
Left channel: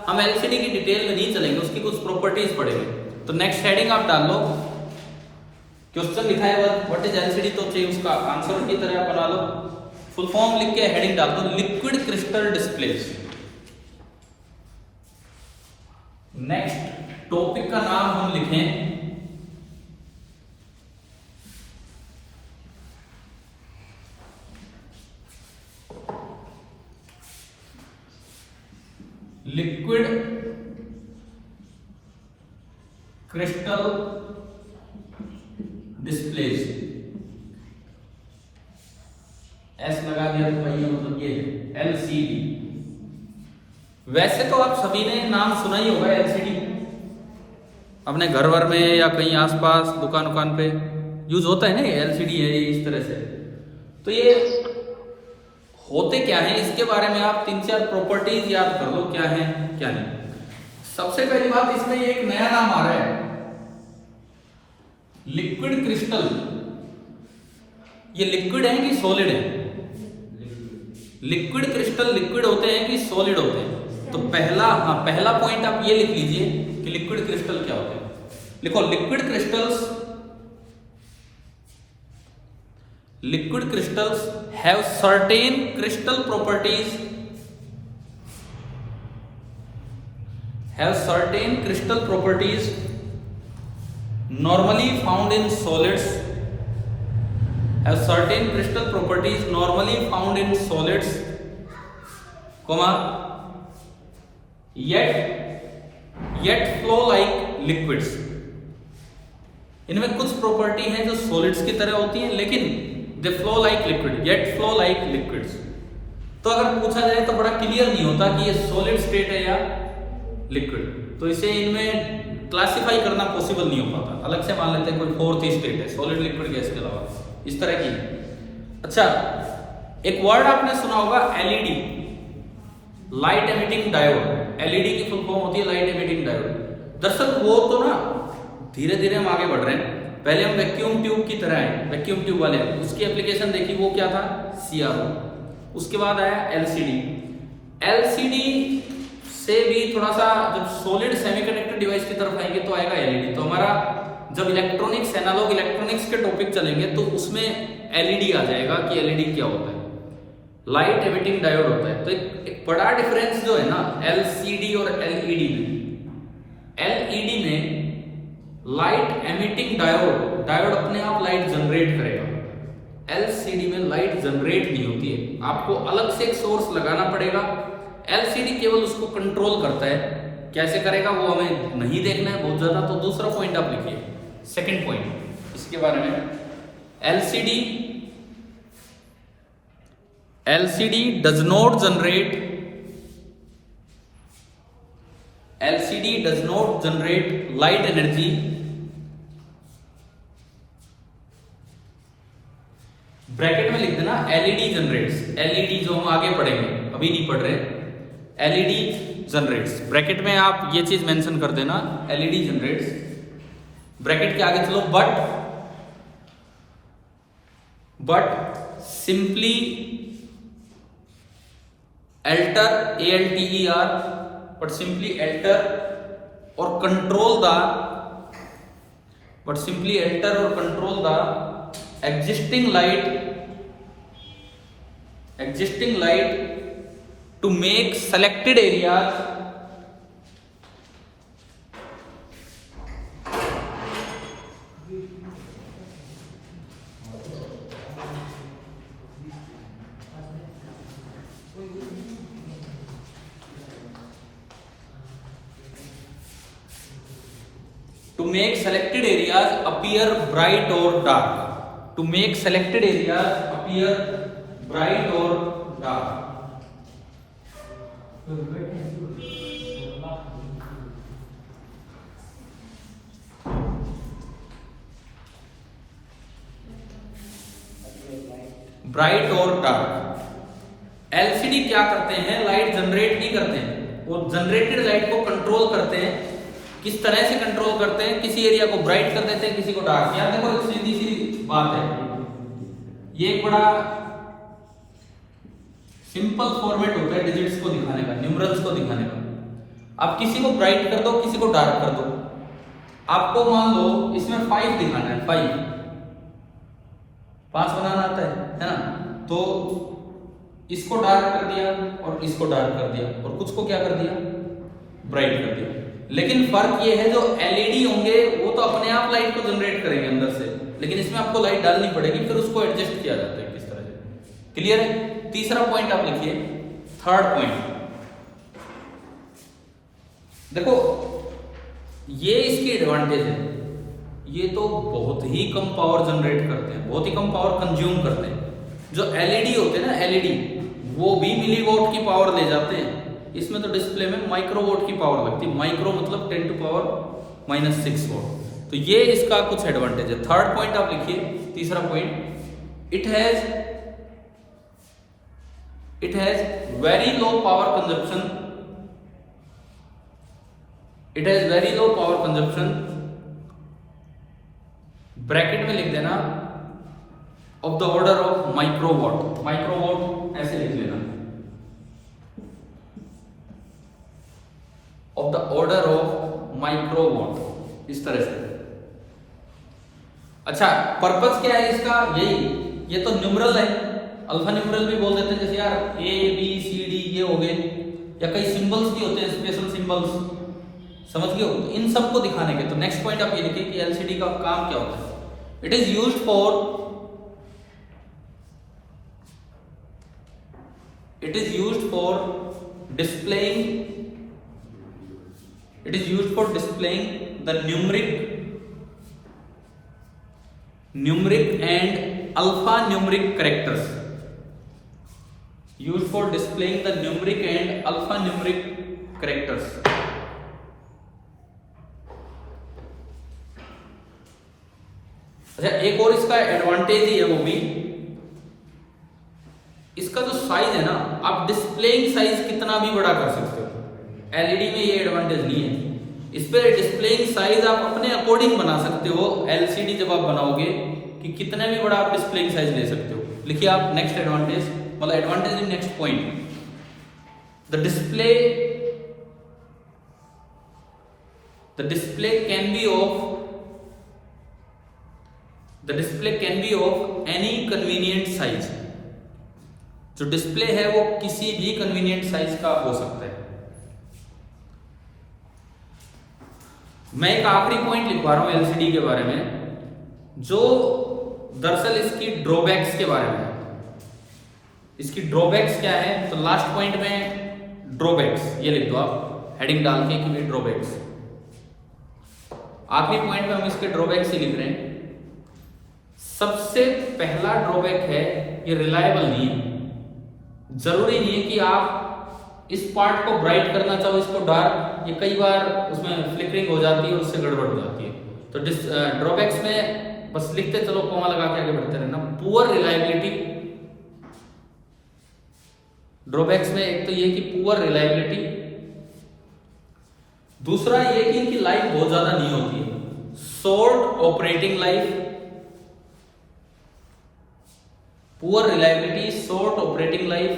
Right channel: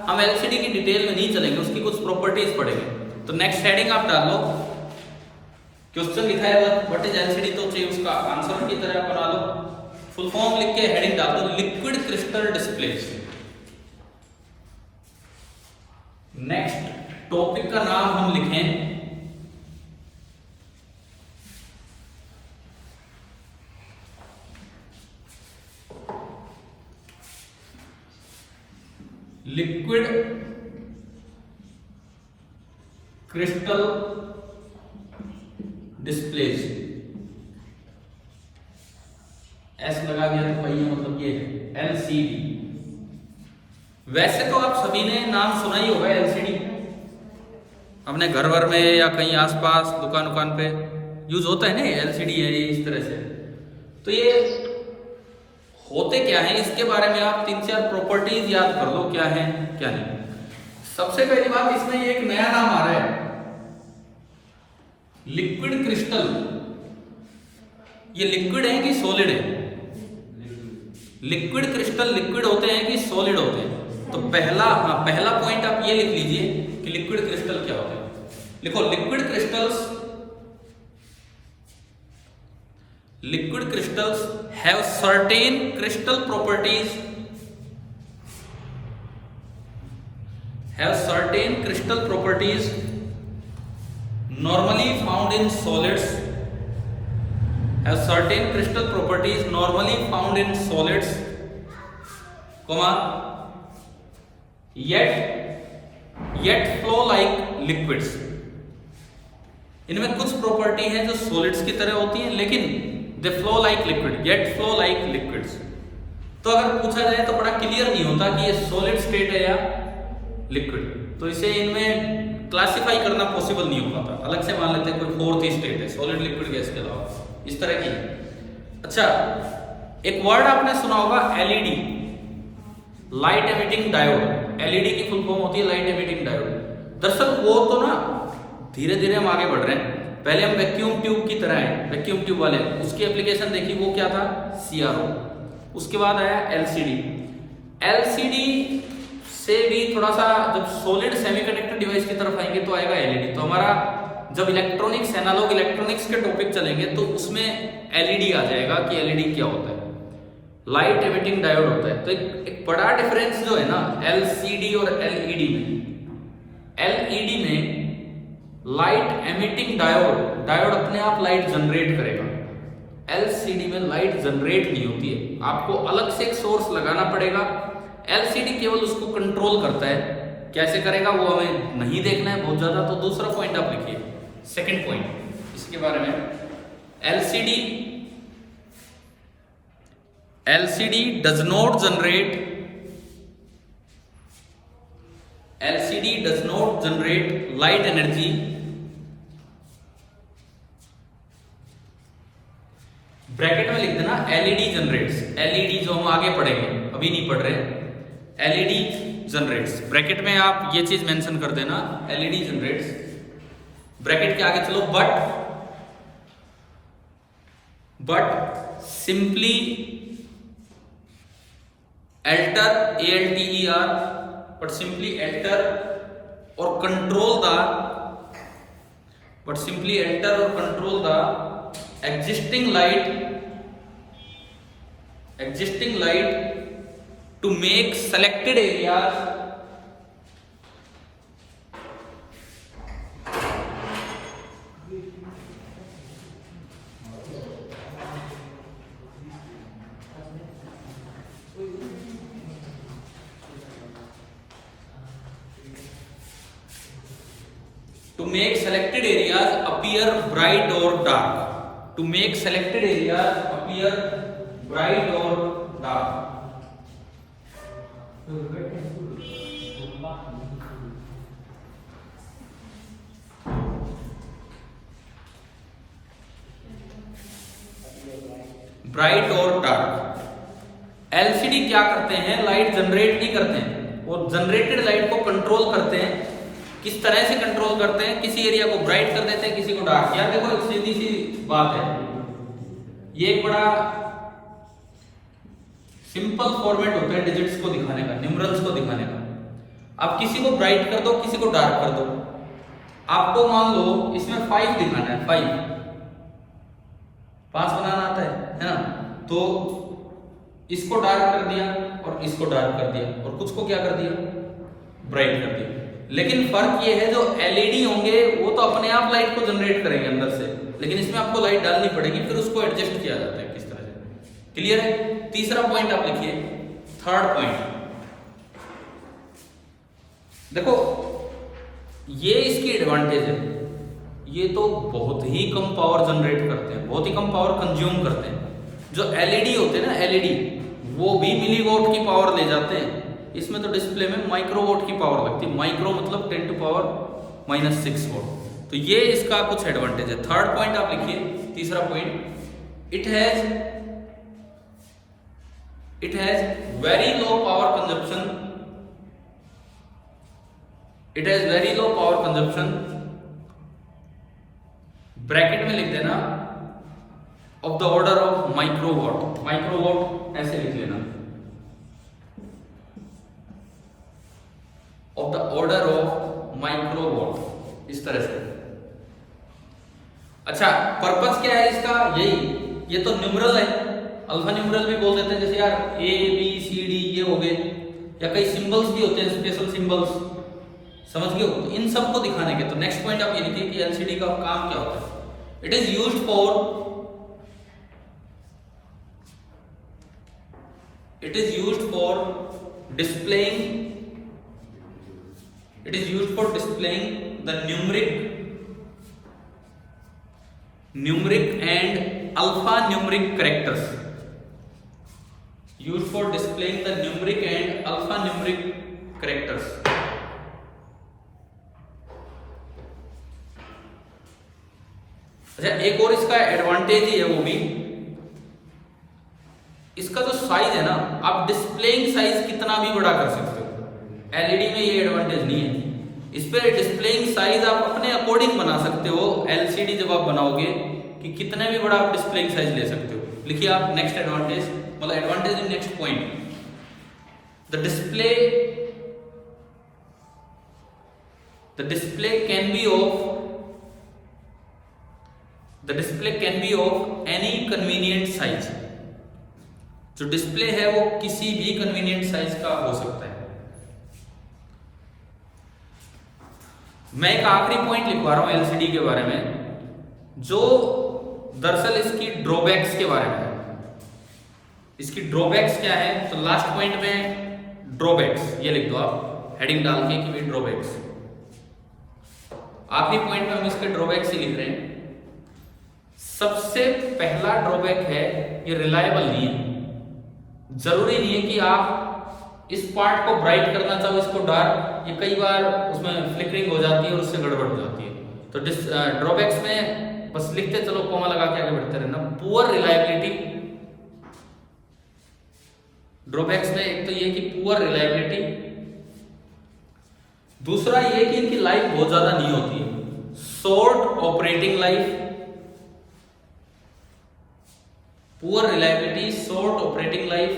हम LCD की डिटेल में नहीं चलेंगे, उसकी कुछ प्रॉपर्टीज पढ़ेंगे। तो नेक्स्ट हेडिंग आप डाल लो, क्वेश्चन लिखा है व्हाट इज LCD, तो चाहिए उसका आंसर की तरह बना लो, फुल फॉर्म लिख के हेडिंग डाल दो, liquid crystal displace. Next topic का नाम हम लिखें लिक्विड क्रिस्टल डिस्प्लेस। एस लगा दिया तो पहिया, मतलब ये है LCD। वैसे तो आप सभी ने नाम सुना ही होगा LCD, अपने घर वर में या कहीं आसपास दुकान पे यूज होता है ना, LCD है ये इस तरह से। तो ये होते क्या है, इसके बारे में आप 3-4 प्रॉपर्टीज याद कर लो, क्या है क्या नहीं। सबसे पहली बात, इसमें एक नया नाम आ रहा है, लिक्विड क्रिस्टल। ये लिक्विड है कि सॉलिड है? लिक्विड क्रिस्टल लिक्विड होते हैं कि सॉलिड होते हैं? तो पहला पॉइंट आप ये लिख लीजिए कि लिक्विड क्रिस्टल क्या होता है। लिखो, liquid crystals have certain crystal properties, normally found in solids, comma yet flow like liquids। इनमें कुछ प्रॉपर्टी है जो सॉलिड्स की तरह होती हैं, लेकिन they flow like liquid, yet flow like liquids. तो अगर पूछा जाए तो बड़ा क्लियर नहीं होता कि ये सॉलिड स्टेट है या लिक्विड, तो इसे इनमें क्लासिफाई करना पॉसिबल नहीं हो पाता। अलग से मान लेते हैं कोई फोर्थ स्टेट है सॉलिड लिक्विड गैस के अलावा, इस तरह की। अच्छा, एक वर्ड आपने सुना होगा LED, light emitting diode. LED की फुल फॉर्म होती है लाइट एमिटिंग डायोड। दरअसल वो तो ना धीरे धीरे हम आगे बढ़ रहे हैं। पहले हम वैक्यूम ट्यूब की तरह हैं, वैक्यूम ट्यूब वाले, उसकी एप्लीकेशन देखी, वो क्या था, सीआरओ। उसके बाद आया एलसीडी। एलसीडी से भी थोड़ा सा जब सॉलिड सेमीकंडक्टर डिवाइस की तरफ आएंगे तो आएगा एलईडी। तो हमारा जब इलेक्ट्रॉनिक्स, एनालॉग इलेक्ट्रॉनिक्स के टॉपिक चलेंगे तो उसमें एलईडी आ जाएगा कि एलईडी क्या होता है, लाइट एमिटिंग डायोड होता है। तो एक बड़ा डिफरेंस जो है ना एलसीडी और एलईडी में, एलईडी में लाइट एमिटिंग डायोड, डायोड अपने आप लाइट जनरेट करेगा। एलसीडी में लाइट जनरेट नहीं होती है, आपको अलग से एक सोर्स लगाना पड़ेगा। एलसीडी केवल उसको कंट्रोल करता है, कैसे करेगा वो हमें नहीं देखना है बहुत ज्यादा। तो दूसरा पॉइंट आप लिखिए, सेकंड पॉइंट इसके बारे में, LCD does not generate light energy bracket में लिख देना एलईडी जनरेट्स। एलईडी जो हम आगे पढ़ेंगे, अभी नहीं पढ़ रहे, एलईडी जनरेट्स, ब्रैकेट में आप ये चीज मेंशन कर देना, एलईडी जनरेट्स। ब्रैकेट के आगे चलो, but simply alter, ALTER, but simply alter or control the existing light to make selected areas appear bright or dark, to make selected areas appear bright or dark। Bright और डार्क। एलसीडी क्या करते हैं, लाइट जनरेट नहीं करते हैं, वो जनरेटेड लाइट को कंट्रोल करते हैं। किस तरह से कंट्रोल करते हैं, किसी एरिया को ब्राइट कर देते हैं, किसी को डार्क। यार देखो एक सीधी सी बात है, ये एक बड़ा सिंपल फॉर्मेट होता है डिजिट्स को दिखाने का, न्यूमरल्स को दिखाने का। आप किसी को ब्राइट कर दो, किसी को डार्क कर दो। आपको मान लो इसमें 5 दिखाना है, 5 बनाना आता है ना, तो इसको डार्क कर दिया और इसको डार्क कर दिया और कुछ को क्या कर दिया, ब्राइट कर दिया। लेकिन फर्क ये है, जो एलईडी होंगे वो तो अपने आप लाइट को जनरेट करेंगे अंदर से, लेकिन इसमें आपको लाइट डालनी पड़ेगी, फिर उसको एडजस्ट किया जाता है किस तरह से। क्लियर है? तीसरा पॉइंट आप लिखिए, थर्ड पॉइंट। देखो ये इसकी एडवांटेज है, ये तो बहुत ही कम पावर जनरेट करते हैं, बहुत ही कम पावर कंज्यूम करते हैं। जो एलईडी होते हैं ना, एलईडी वो भी मिलीवॉट की पावर ले जाते हैं। इसमें तो डिस्प्ले में माइक्रोवॉट की पावर लगती है, माइक्रो मतलब 10⁻⁻6 वॉट। तो ये इसका कुछ एडवांटेज है। थर्ड पॉइंट आप लिखिए, तीसरा point, it has very low power consumption, bracket में लिख देना of the order of microwatt. Microwatt ऐसे लिख लेना, of the order of microwatt, इस तरह से। अच्छा, पर्पस क्या है इसका, यही, ये तो न्यूमरल है, अल्फा न्यूमरल भी बोल देते हैं, जैसे यार ABCD ये हो गए, या कई सिंबल्स भी होते हैं, स्पेशल सिंबल्स, समझ गए हो, इन सबको दिखाने के। तो नेक्स्ट पॉइंट आप ये लिखिए कि एलसीडी का काम क्या होता है। It is used for It is used for displaying. It is used for displaying the numeric and alphanumeric characters. Used for displaying the numeric and alphanumeric characters. अच्छा, एक और इसका एडवांटेज ही है वो भी, इसका जो साइज है ना, आप डिस्प्लेइंग साइज कितना भी बड़ा कर सकते हो। एलईडी में ये एडवांटेज नहीं है, इस पर डिस्प्लेइंग साइज आप अपने अकॉर्डिंग बना सकते हो। एलसीडी जब आप बनाओगे कि कितने भी बड़ा आप डिस्प्लेइंग साइज ले सकते हो। लिखिए आप नेक्स्ट एडवांटेज, मतलब advantage in next point, the display can be of any convenient size. जो डिस्प्ले है वो किसी भी कन्वीनियंट साइज का हो सकता है। मैं एक आखिरी पॉइंट लिखवा रहा हूं एलसीडी के बारे में, जो दरअसल इसकी ड्रॉबैक्स के बारे में। इसकी ड्रॉबैक्स क्या है, तो लास्ट पॉइंट में ड्रॉबैक्स ये लिख दो आप, हेडिंग डाल के कि ड्रॉबैक्स। आखिरी पॉइंट में हम इसके ड्रॉबैक्स ही लिख रहे हैं। सबसे पहला ड्रॉबैक है ये रिलायबल नहीं है। जरूरी नहीं है कि आप इस पार्ट को ब्राइट करना चाहो, इसको डार्क, ये कई बार उसमें फ्लिकरिंग हो जाती है और उससे गड़बड़ हो जाती है। तो ड्रॉबैक्स में बस लिखते चलो, कोमा लगा के आगे बढ़ते रहना। पुअर रिलायबिलिटी, ड्रॉबैक्स में एक तो ये कि पुअर रिलायबिलिटी, दूसरा ये कि इनकी लाइफ बहुत ज्यादा नहीं होती है, short operating life, poor reliability, short operating life.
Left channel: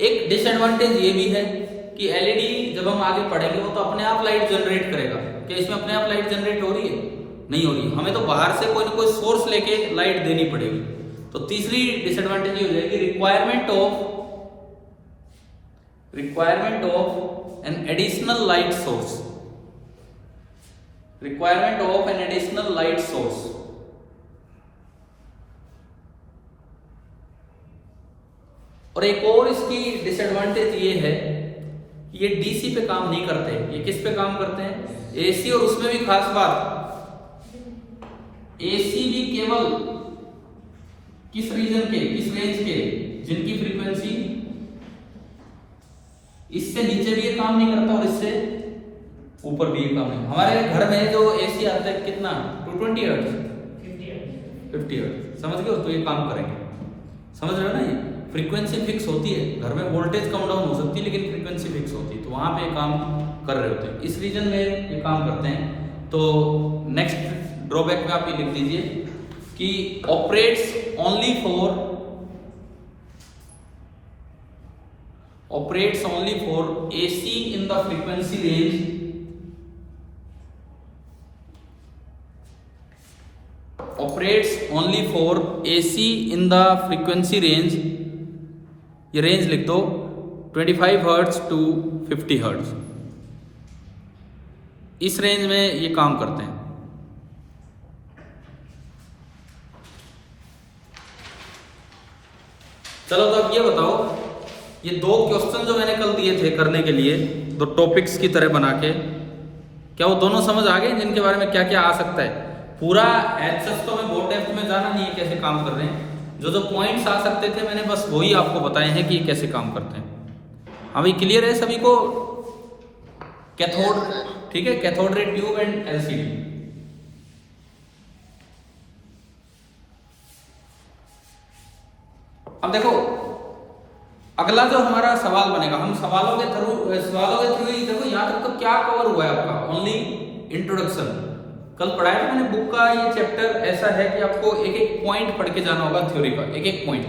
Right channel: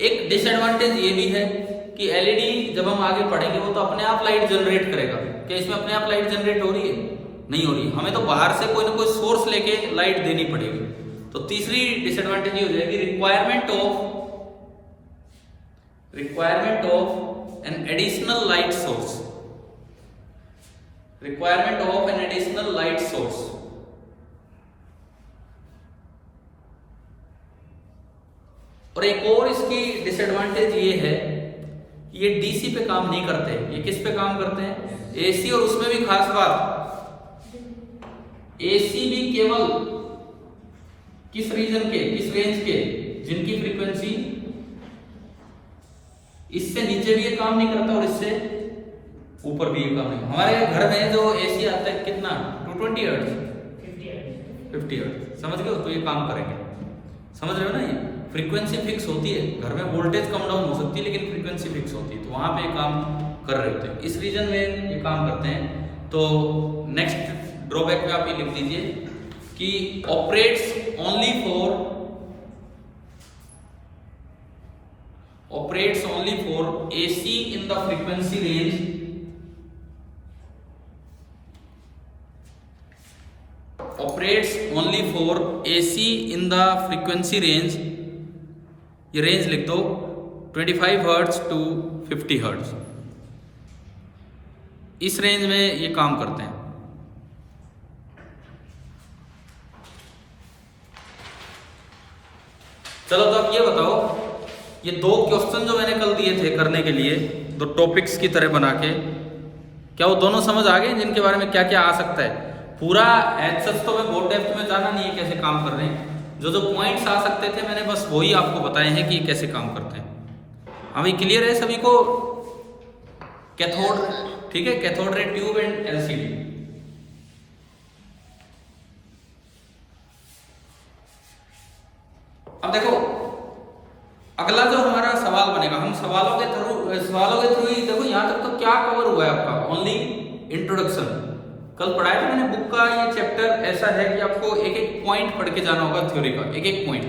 एक डिसएडवांटेज ये भी है कि एलईडी जब हम आगे पढ़ेंगे वो तो अपने आप लाइट जनरेट करेगा। क्या इसमें अपने आप लाइट जनरेट हो रही है? नहीं हो रही, हमें तो बाहर से कोई ना कोई सोर्स लेके लाइट देनी पड़ेगी। तो तीसरी डिसएडवांटेज ये हो जाएगी requirement of an additional light source, requirement of an additional light source. और एक और इसकी डिसएडवांटेज ये है कि ये डीसी पे काम नहीं करते, ये किस पे काम करते हैं? एसी। और उसमें भी खास बात, एसी भी केवल किस रीजन के, किस रेंज के, जिनकी फ्रीक्वेंसी इससे नीचे भी ये काम नहीं करता और इससे ऊपर भी ये काम नहीं। हमारे घर में जो एसी आता है कितना, 220 हर्ट्ज, 50 हर्ट्ज, समझ गए हो? तो ये काम करेंगे, समझ रहे हो ना? ये फ्रीक्वेंसी फिक्स होती है, घर में वोल्टेज कम डाउन हो सकती है लेकिन फ्रीक्वेंसी फिक्स होती है, तो वहां पे काम कर रहे होते हैं, इस रीजन में ये काम करते हैं। तो नेक्स्ट ड्रॉबैक में आप ये लिख लीजिए कि operates only for AC in the frequency range, operates only for AC in the frequency range. ये रेंज लिख दो 25 हर्ट्ज टू 50 हर्ट्ज, इस रेंज में ये काम करते हैं। चलो तो अब ये बताओ, ये दो क्वेश्चन जो मैंने कल दिए थे करने के लिए, दो टॉपिक्स की तरह बना के, क्या वो दोनों समझ आ गए जिनके बारे में क्या क्या आ सकता है? पूरा एंसर्स तो मैं बहुत डेप्थ में जाना नहीं है कैसे काम कर रहे हैं, जो जो पॉइंट्स आ सकते थे मैंने बस वही आपको बताए हैं कि कैसे काम करते हैं। अभी क्लियर है सभी को? कैथोड, ठीक है, cathode ray tube and LCD. अब देखो अगला जो हमारा सवाल बनेगा, हम सवालों के थ्रू ही देखो यहां तक तो क्या कवर हुआ है आपका, ओनली इंट्रोडक्शन। कल पढ़ाया था मैंने बुक का ये चैप्टर ऐसा है कि आपको एक एक पॉइंट पढ़ के जाना होगा थ्योरी का, एक एक पॉइंट।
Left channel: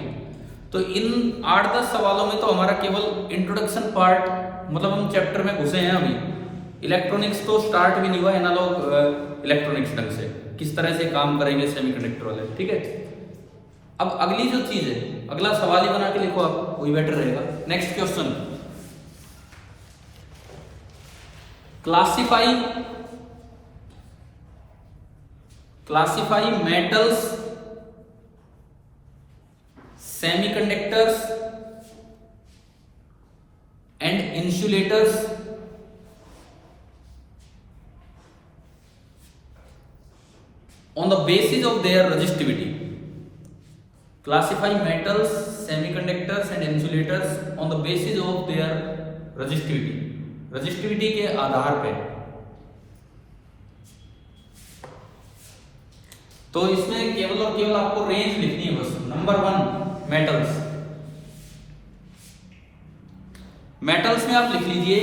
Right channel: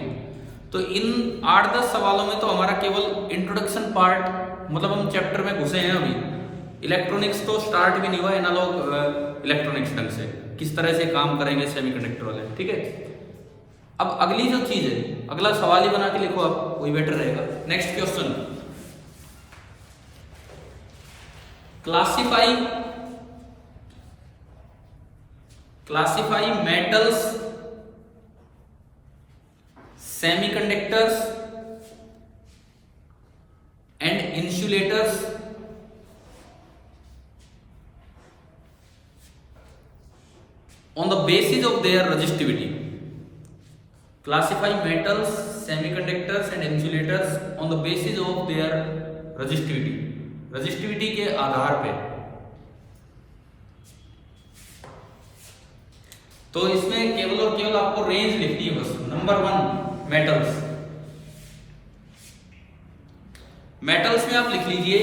तो इन 8-10 सवालों में तो हमारा केवल इंट्रोडक्शन पार्ट, मतलब हम चैप्टर में घुसे हैं अभी। इलेक्ट्रॉनिक्स तो स्टार्ट भी नहीं हुआ, एनालॉग इलेक्ट्रॉनिक्स ढंग से किस तरह से काम करेंगे सेमीकंडक्टर वाले, ठीक है। अब अगली जो चीज है, अगला सवाल ही बना के लिखो आप, वही बेटर रहेगा। Next question, classify metals semiconductors and insulators on the basis of their resistivity. Classify metals, semiconductors and insulators on the basis of their resistivity. Resistivity के आधार पे। तो इसमें केवल और केवल आपको रेंज लिखनी है बस। Number 1 metals. मेटल्स में आप लिख लीजिए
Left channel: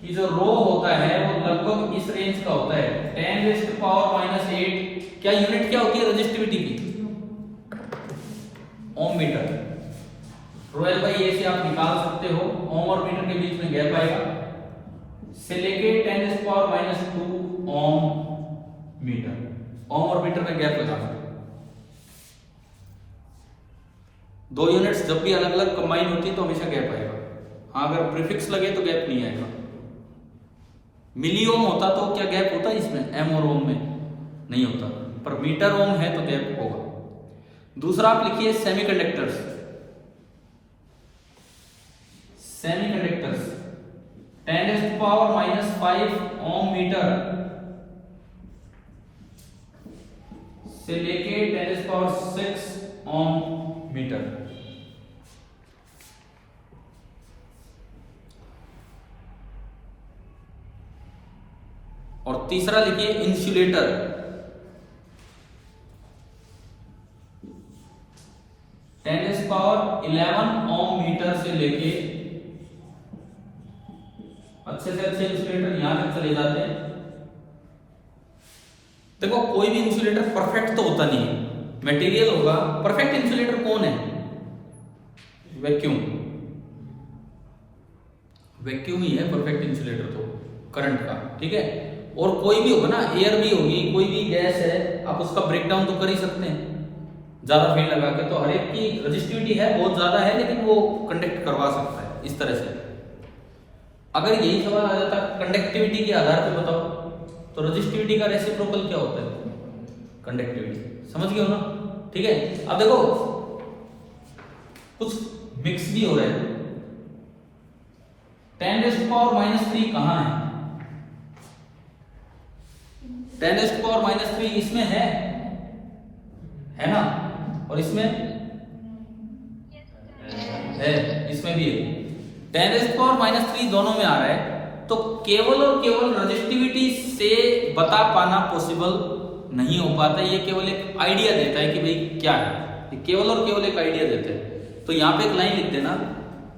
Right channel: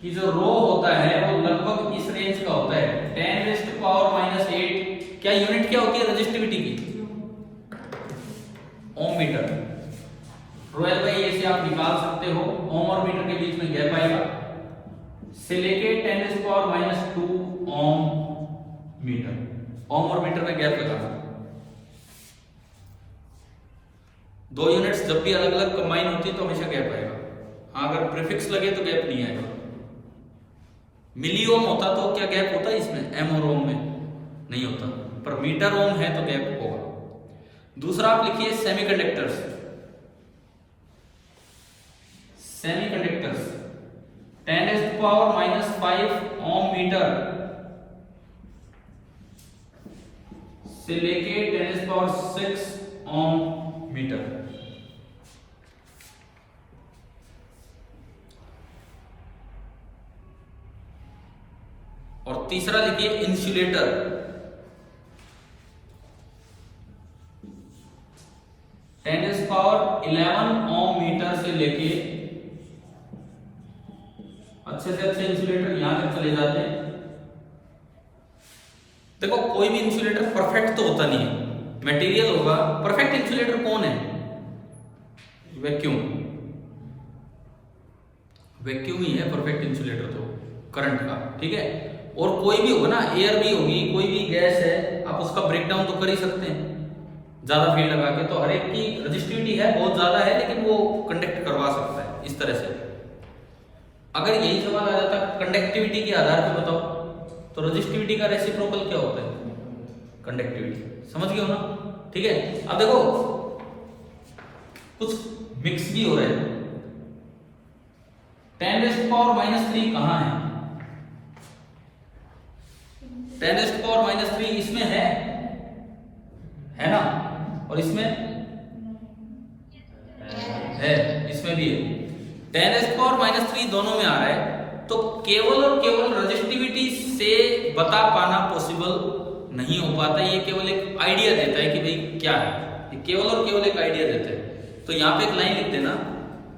कि जो रो होता है वो लगभग इस रेंज का होता है 10⁻⁸। क्या यूनिट क्या होती है रजिस्टिविटी की? ओम मीटर। रोयल बाई ए से आप निकाल सकते हो, ओम और मीटर के बीच में गैप आएगा, से लेके 10⁻² ओम मीटर। ओम और मीटर में गैप लगाना। दो यूनिट्स जब भी अलग अलग कंबाइन होती है तो हमेशा गैप आएगा। हाँ, अगर प्रीफिक्स लगे तो गैप नहीं आएगा। मिली ओम होता तो क्या गैप होता है इसमें? एम और ओम में नहीं होता, पर मीटर ओम है तो गैप होगा। दूसरा आप लिखिए सेमीकंडक्टर्स। सेमीकंडक्टर्स 10⁻⁵ ओम मीटर से लेके 10⁻⁶ ओम मीटर। और तीसरा लिखिए इंसुलेटर। 10⁻11 ओम मीटर से लेके, अच्छे से अच्छे इंसुलेटर यहां तक चले जाते हैं। देखो, कोई भी इंसुलेटर परफेक्ट तो होता नहीं है, मटेरियल होगा। परफेक्ट इंसुलेटर कौन है? वैक्यूम। वैक्यूम ही है परफेक्ट इंसुलेटर तो करंट का, ठीक है। और कोई भी होगा ना, एयर भी होगी, कोई भी गैस है, आप उसका ब्रेकडाउन तो कर ही सकते हैं ज्यादा फील्ड लगा के। तो हर एक की रजिस्टिविटी है, बहुत ज्यादा है, लेकिन वो कंडक्ट करवा सकता है इस तरह से। अगर यही सवाल आ जाता कंडक्टिविटी के आधार पे बताओ, तो रजिस्टिविटी का रेसिप्रोकल क्या होता है? कंडक्टिविटी। समझ गए हो ना? ठीक है। अब देखो, कुछ मिक्स भी हो रहा है। 10⁻³ कहां है? 10⁻³ इसमें है ना, और इसमें है, इसमें भी है। 10⁻³ दोनों में आ रहा है, तो केवल और केवल रजिस्टिविटी से बता पाना पॉसिबल नहीं हो पाता। ये केवल एक आइडिया देता है कि भाई क्या है, ये केवल और केवल एक आइडिया देता है। तो यहां पे एक लाइन लिख देना,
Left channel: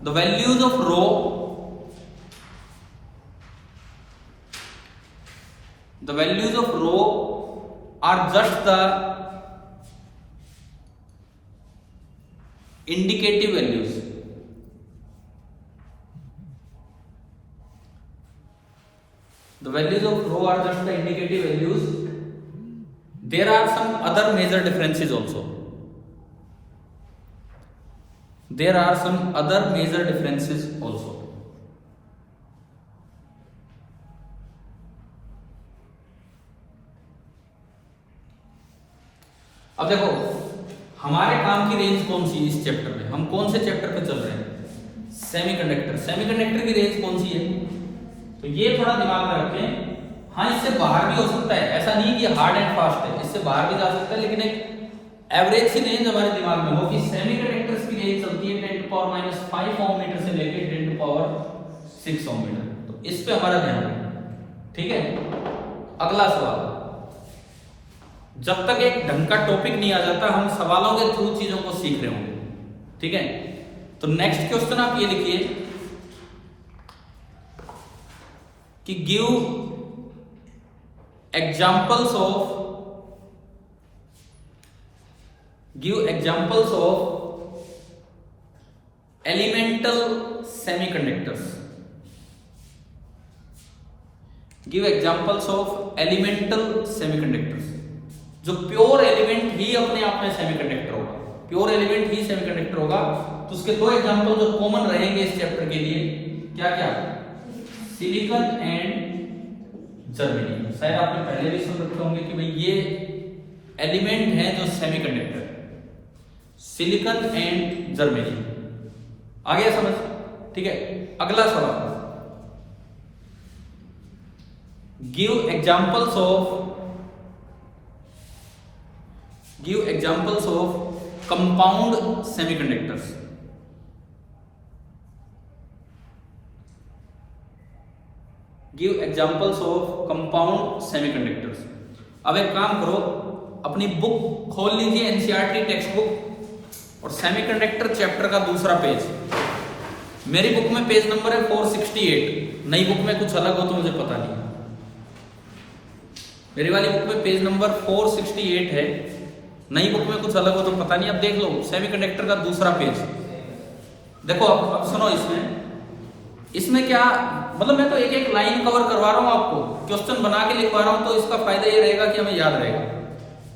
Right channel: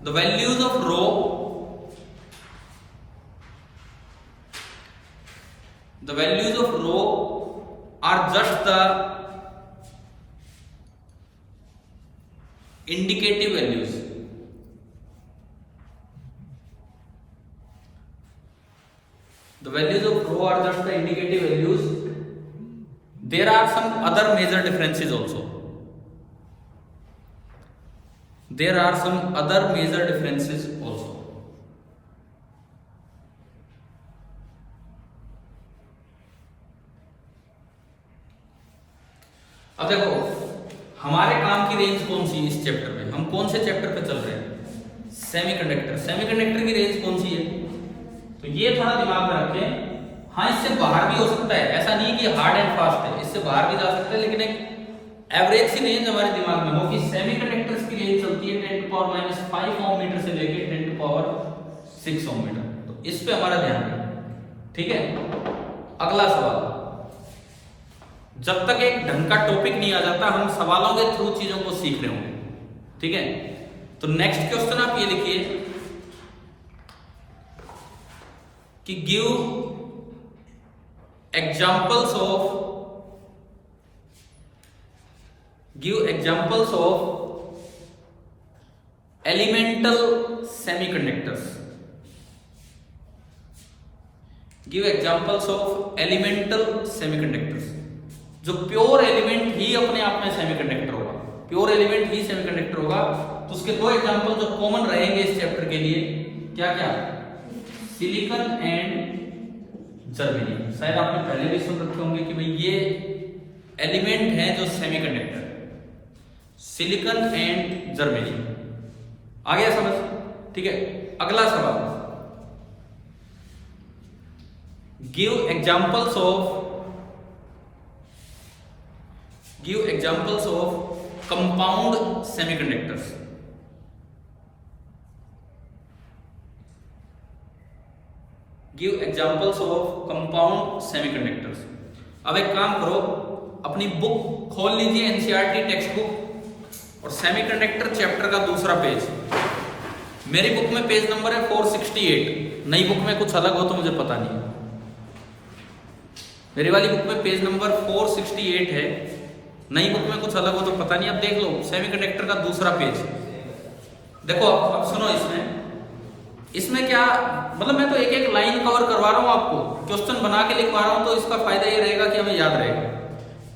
the values of row, the values of rho are just the indicative values. The values of rho are just the indicative values. There are some other major differences also. There are some other major differences also. अब देखो, हमारे काम की रेंज कौन सी है इस चैप्टर में? हम कौन से चैप्टर पे चल रहे हैं? सेमीकंडक्टर। सेमीकंडक्टर की रेंज कौन सी है? तो ये थोड़ा दिमाग में रखें। हाँ, इससे बाहर भी हो सकता है, ऐसा नहीं कि हार्ड एंड फास्ट है, इससे बाहर भी जा सकता है, लेकिन एक एवरेज सी रेंज हमारे दिमाग में हो कि सेमीकंडक्टर्स की रेंज चलती है 10⁻⁵ ओम मीटर से लेके 10⁻⁶ ओम मीटर। तो इस पे हमारा ध्यान रखें, ठीक है। अगला सवाल, जब तक एक ढंग का टॉपिक नहीं आ जाता, हम सवालों के थ्रू चीजों को सीख रहे होंगे, ठीक है। तो नेक्स्ट क्वेश्चन आप ये लिखिए कि give examples of elemental semiconductors. Give examples of elemental semiconductors. जो प्योर एलिमेंट ही अपने आप में सेमीकंडक्टर होगा, प्योर एलिमेंट ही सेमीकंडक्टर होगा। तो उसके दो एग्जांपल जो कॉमन रहेंगे इस चैप्टर के लिए, क्या क्या? Silicon and germanium. शायद आपने पहले भी सुन रखे होंगे कि भाई ये एलिमेंट है जो सेमीकंडक्टर है। Silicon and germanium. आ गया समझ? ठीक है, अगला सवाल, give examples of compound semiconductors. Give examples of compound semiconductors. अब एक काम करो, अपनी बुक खोल लीजिए, एनसीईआरटी टेक्स्ट बुक, और सेमीकंडक्टर चैप्टर का दूसरा पेज। मेरी बुक में पेज नंबर है 468, नई बुक में कुछ अलग हो तो मुझे पता नहीं। मेरी वाली बुक में पेज नंबर 468 है, नई बुक में कुछ अलग हो तो पता नहीं। अब देख लो सेमीकंडक्टर का दूसरा पेज देखो। अब सुनो, इसमें क्या मतलब, मैं तो एक एक लाइन कवर करवा रहा हूं आपको, क्वेश्चन बना के लिखवा रहा हूं, तो इसका फायदा ये रहेगा कि हमें याद रहेगा।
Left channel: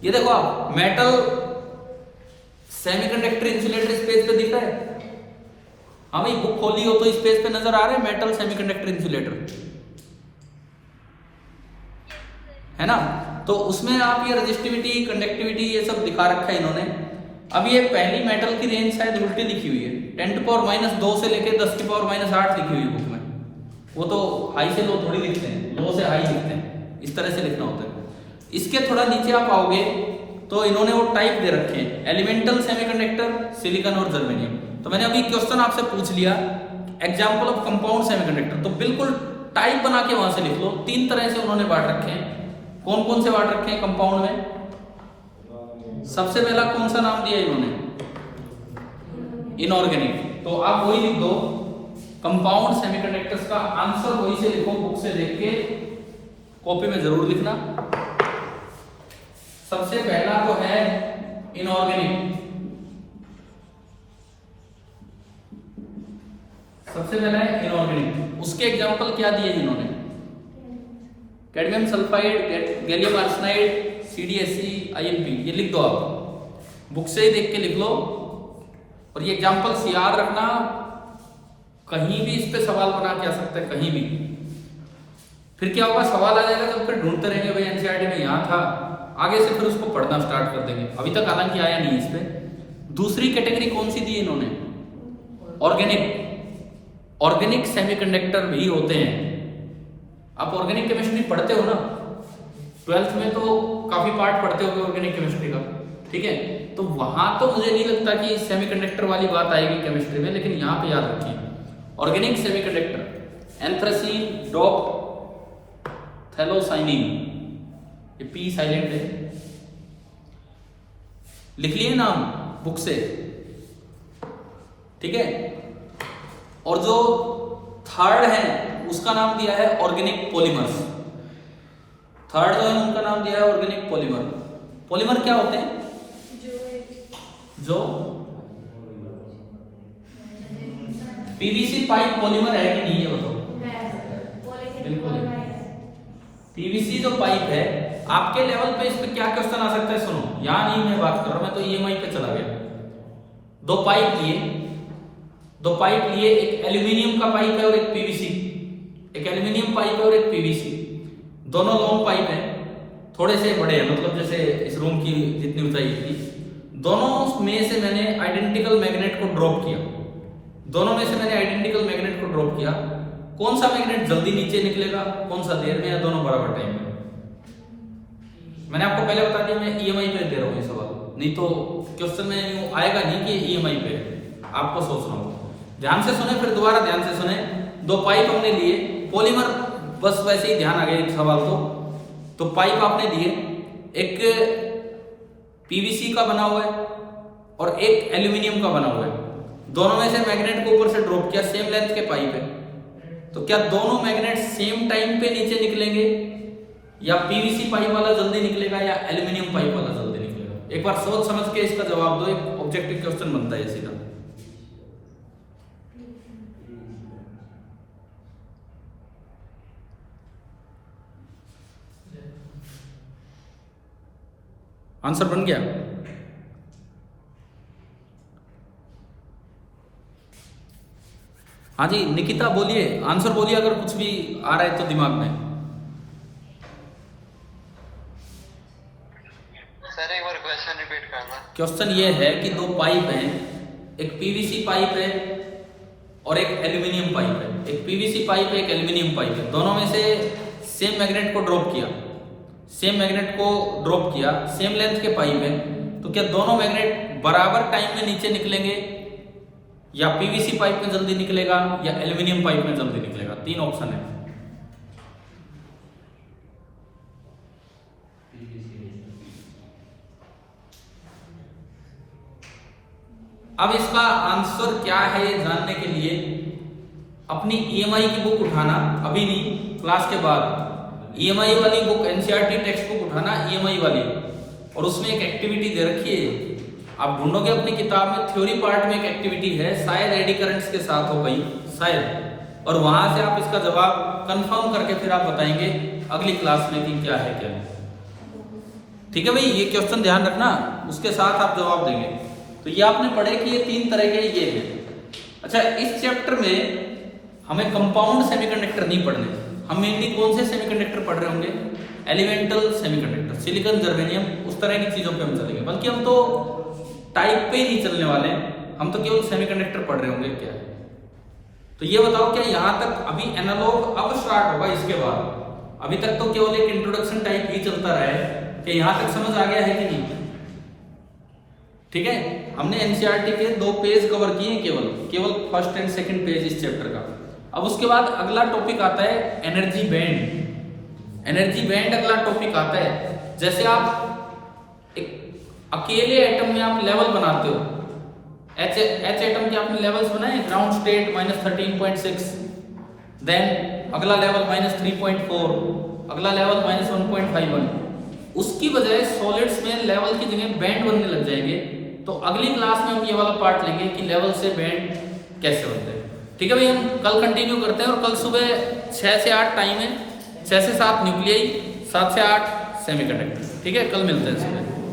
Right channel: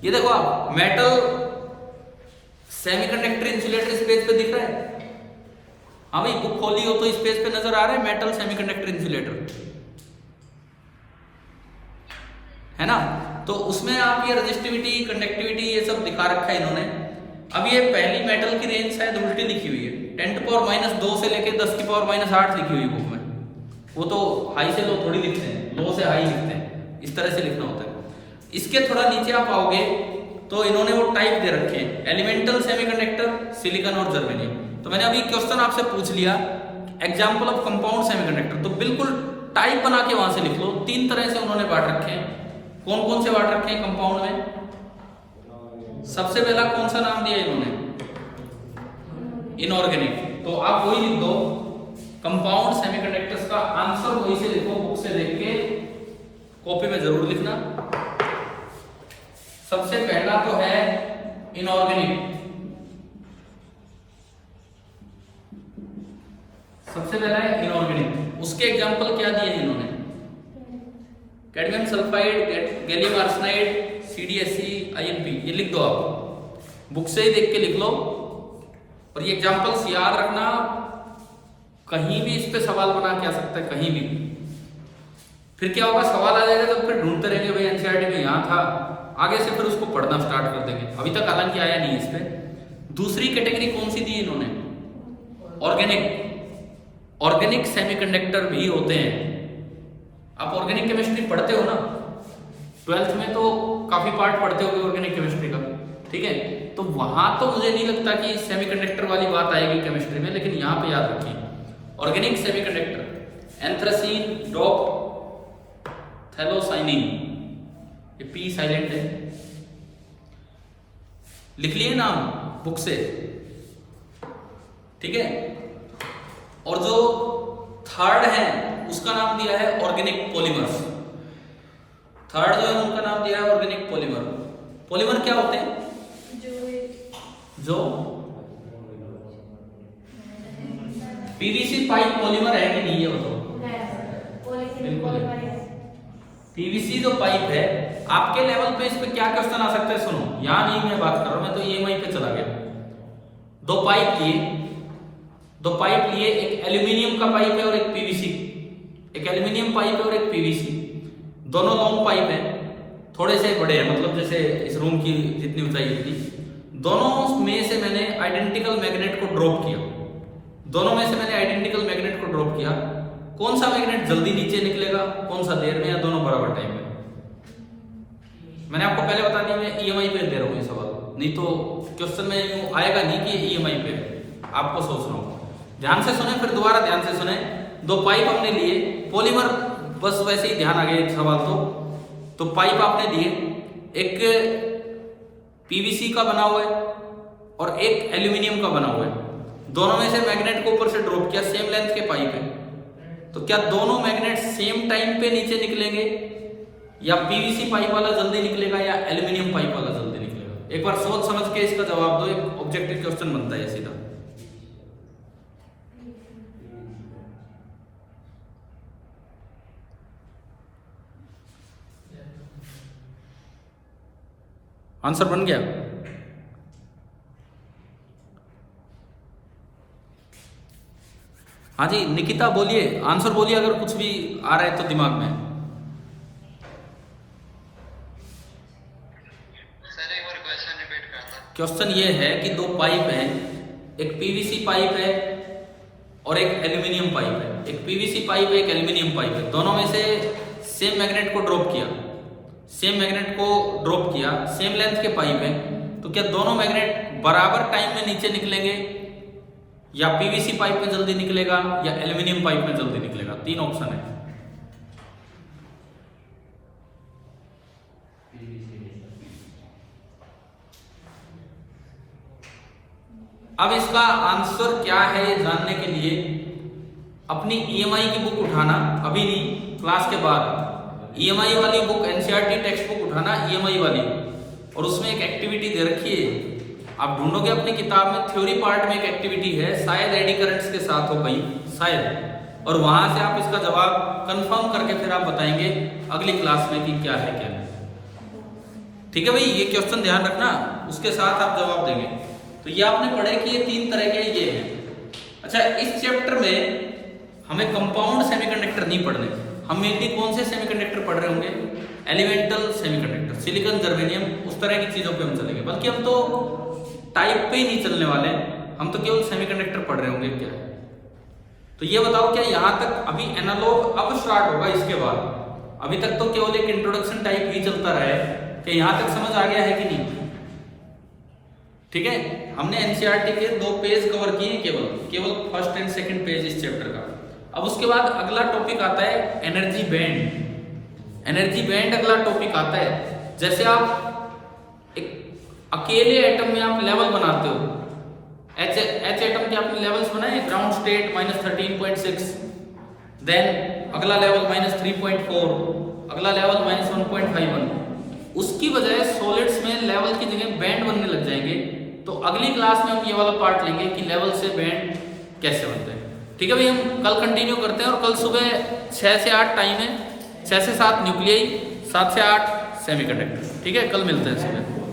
ये देखो आप, मेटल सेमीकंडक्टर इंसुलेटर इस पेज पे दिख रहा है। हाँ भाई, बुक खोली हो तो इस पेज पे नजर आ रहा है मेटल सेमीकंडक्टर इंसुलेटर, है ना? तो उसमें आप ये रेजिस्टिविटी, कंडक्टिविटी ये सब दिखा रखा है इन्होंने। अब ये पहली मेटल की रेंज शायद उल्टी लिखी हुई है, 10⁻² से लेके 10⁻8 लिखी हुई है बुक में। वो तो हाई से लो थोड़ी लिखते हैं, लो से हाई लिखते हैं, इस तरह से लिखना होता है। इसके थोड़ा नीचे आप आओगे तो इन्होंने वो टाइप दे रखे हैं, एलिमेंटल सेमीकंडक्टर, सिलिकॉन और जर्मेनियम। तो मैंने अभी क्वेश्चन आपसे पूछ लिया एग्जाम्पल ऑफ कंपाउंड सेमीकंडक्टर, तो बिल्कुल टाइप बना के वहां से लिख लो। 3 तरह से उन्होंने बांट रखे हैं। कौन कौन से बांट रखे हैं कंपाउंड में? सबसे पहला कौन सा नाम दिया इन्होंने? इनऑर्गेनिक। तो आप वही लिख दो, कंपाउंड सेमीकंडक्टर्स का आंसर वही से लिखो, बुक से देख के कॉपी में जरूर लिखना। सबसे पहला तो है इनऑर्गेनिक। सबसे पहला है इनऑर्गेनिक। उसके एग्जांपल क्या दिए इन्होंने? Cadmium sulphide, gallium arsenide, CdSe, InP। ये लिख दो आप, बुक से ही देख के लिख लो। और ये एग्जांपल्स याद रखना, कहीं भी इस पे सवाल बना के आ सकता है, कहीं भी। फिर क्या होगा, सवाल आ जाएगा तो फिर ढूंढते रहेंगे, भाई एनसीईआरटी में यहाँ था, आगे से फिर उसको पढ़ना स्टार्ट कर देंगे। अभी तक हालांकि आया नहीं इस पे। दूसरी कैटेगरी कौन सी दी इन्होंने? ऑर्गेनिक। ऑर्गेनिक सेमीकंडक्टर भी होते हैं। आप ऑर्गेनिक केमिस्ट्री पढ़ते हो ना, 12th में तो काफी पार्ट पढ़ते होगे ऑर्गेनिक केमिस्ट्री का, ठीक है? तो वहां तो मुझे नहीं लगता कि सेमीकंडक्टर वाली बात आएगी केमिस्ट्री में, लेकिन यहाँ पे याद रखिए ऑर्गेनिक सेमीकंडक्टर, एंथ्रासीन, डॉप, थैलोसाइनिन, ये P साइलेंट है, लिख लिए नाम बुक से, ठीक है? और जो थर्ड है उसका नाम दिया है ऑर्गेनिक पॉलीमर्स। थर्ड जो है उनका नाम दिया है ऑर्गेनिक पॉलीमर। पॉलीमर क्या होते हैं? जो पीवीसी पाइप पॉलीमर है कि नहीं, ये बताओ। बिल्कुल, पीवीसी जो पाइप है, आपके लेवल पे इस पे क्या क्वेश्चन आ सकता है? सुनो, यहां नहीं मैं बात कर रहा हूं, मैं तो EMI पे चला गया। दो पाइप लिए, एक एल्यूमिनियम का पाइप है और एक पीवीसी। एक एल्यूमिनियम पाइप है और एक पीवीसी, दोनों लॉन्ग पाइप हैं, थोड़े से बड़े हैं, मतलब जैसे इस रूम की जितनी ऊंचाई इतनी। दोनों में से मैंने आइडेंटिकल मैग्नेट को ड्रॉप किया। कौन सा मैग्नेट जल्दी नीचे निकलेगा, कौन सा देर में, या दोनों बराबर टाइम में? मैंने आपको पहले बता दिया, मैं EMI पे दे रहा हूँ ये सवाल, नहीं तो क्वेश्चन में आएगा नहीं कि EMI पे है, आपको सोचना होगा। ध्यान से सुने, फिर दोबारा ध्यान से सुने। दो पाइप हमने लिए, पॉलीमर बस वैसे ही ध्यान आ गया एक सवाल तो पाइप आपने दिए, एक पीवीसी का बना हुआ है और एक एल्यूमिनियम का बना हुआ है। दोनों में से मैग्नेट को ऊपर से ड्रॉप किया, सेम लेंथ के पाइप है, तो क्या दोनों मैग्नेट सेम टाइम पे नीचे निकलेंगे, या पीवीसी पाइप वाला जल्दी निकलेगा या एल्यूमिनियम पाइप वाला जल्दी निकलेगा? एक बार सोच समझ के इसका जवाब दो, एक ऑब्जेक्टिव क्वेश्चन बनता है सीधा। आंसर बन गया? हाँ जी निकिता बोलिए, आंसर बोलिए अगर कुछ भी आ रहा है तो दिमाग में। सर एक बार क्वेश्चन रिपीट करना। क्वेश्चन ये है कि दो पाइप हैं, एक पीवीसी पाइप है और एक एल्यूमिनियम पाइप है। एक पीवीसी पाइप है, एक एल्यूमिनियम पाइप है, दोनों में से सेम मैग्नेट को ड्रॉप किया, सेम लेंथ के पाइप है, तो क्या दोनों मैग्नेट बराबर टाइम में नीचे निकलेंगे, या पीवीसी पाइप में जल्दी निकलेगा या एल्यूमिनियम पाइप में जल्दी निकलेगा? 3 ऑप्शन है। अब इसका आंसर क्या है ये जानने के लिए अपनी ईएमआई की बुक उठाना, अभी नहीं क्लास के बाद ईएमआई वाली बुक, एनसीईआरटी टेक्स्ट बुक उठाना ईएमआई वाली, और उसमें एक एक्टिविटी दे रखी है। आप ढूंढोगे अपनी किताब में, थ्योरी पार्ट में एक एक्टिविटी है, शायद एडी करंट्स के साथ हो गई शायद, और वहां से आप इसका जवाब कंफर्म करके फिर आप बताएंगे अगली क्लास में कि क्या है क्या नहीं। ठीक है भाई, ये क्वेश्चन ध्यान रखना, उसके साथ आप जवाब देंगे। तो ये आपने पढ़े कि ये 3 तरह के ये हैं। अच्छा, इस चैप्टर में हमें कंपाउंड सेमीकंडक्टर नहीं पढ़ने, हम मेनली कौन से सेमीकंडक्टर पढ़ रहे होंगे? एलिमेंटल सेमीकंडक्टर, सिलिकॉन, जर्मेनियम, उस तरह की चीजों पे हम चलेंगे। बल्कि हम तो टाइप पे ही नहीं चलने वाले हैं, हम तो केवल सेमीकंडक्टर पढ़ रहे होंगे क्या है। तो ये बताओ, क्या यहां तक अभी एनालॉग अब स्टार्ट होगा इसके बाद? अभी तक तो केवल एक इंट्रोडक्शन टाइप भी चलता रहा है, कि यहां तक समझ आ गया है कि नहीं? ठीक है, हमने एनसीईआरटी के 2 पेज कवर किए, केवल फर्स्ट एंड सेकंड पेज इस चैप्टर का। अब उसके बाद अगला टॉपिक आता है एनर्जी बैंड। एनर्जी बैंड अगला टॉपिक आता है। जैसे आप एक अकेले एटम में आप लेवल बनाते हो, एच एटम के आपने लेवल्स बनाए, ग्राउंड स्टेट -13.6, देन अगला लेवल -3.4, अगला लेवल -1.51। उसकी बजाय सॉलिड्स में लेवल की जगह बैंड बनने लग जाएंगे। तो अगली क्लास में हम ये वाला पार्ट लेंगे कि लेवल से बैंड कैसे बनते हैं। ठीक है भाई, हम कल कंटिन्यू करते हैं, और कल सुबह 6 से 8 टाइम है, 6 से 7 न्यूक्लियाई, 7 से 8 सेमीकंडक्टर। ठीक है, कल मिलते हैं सुबह।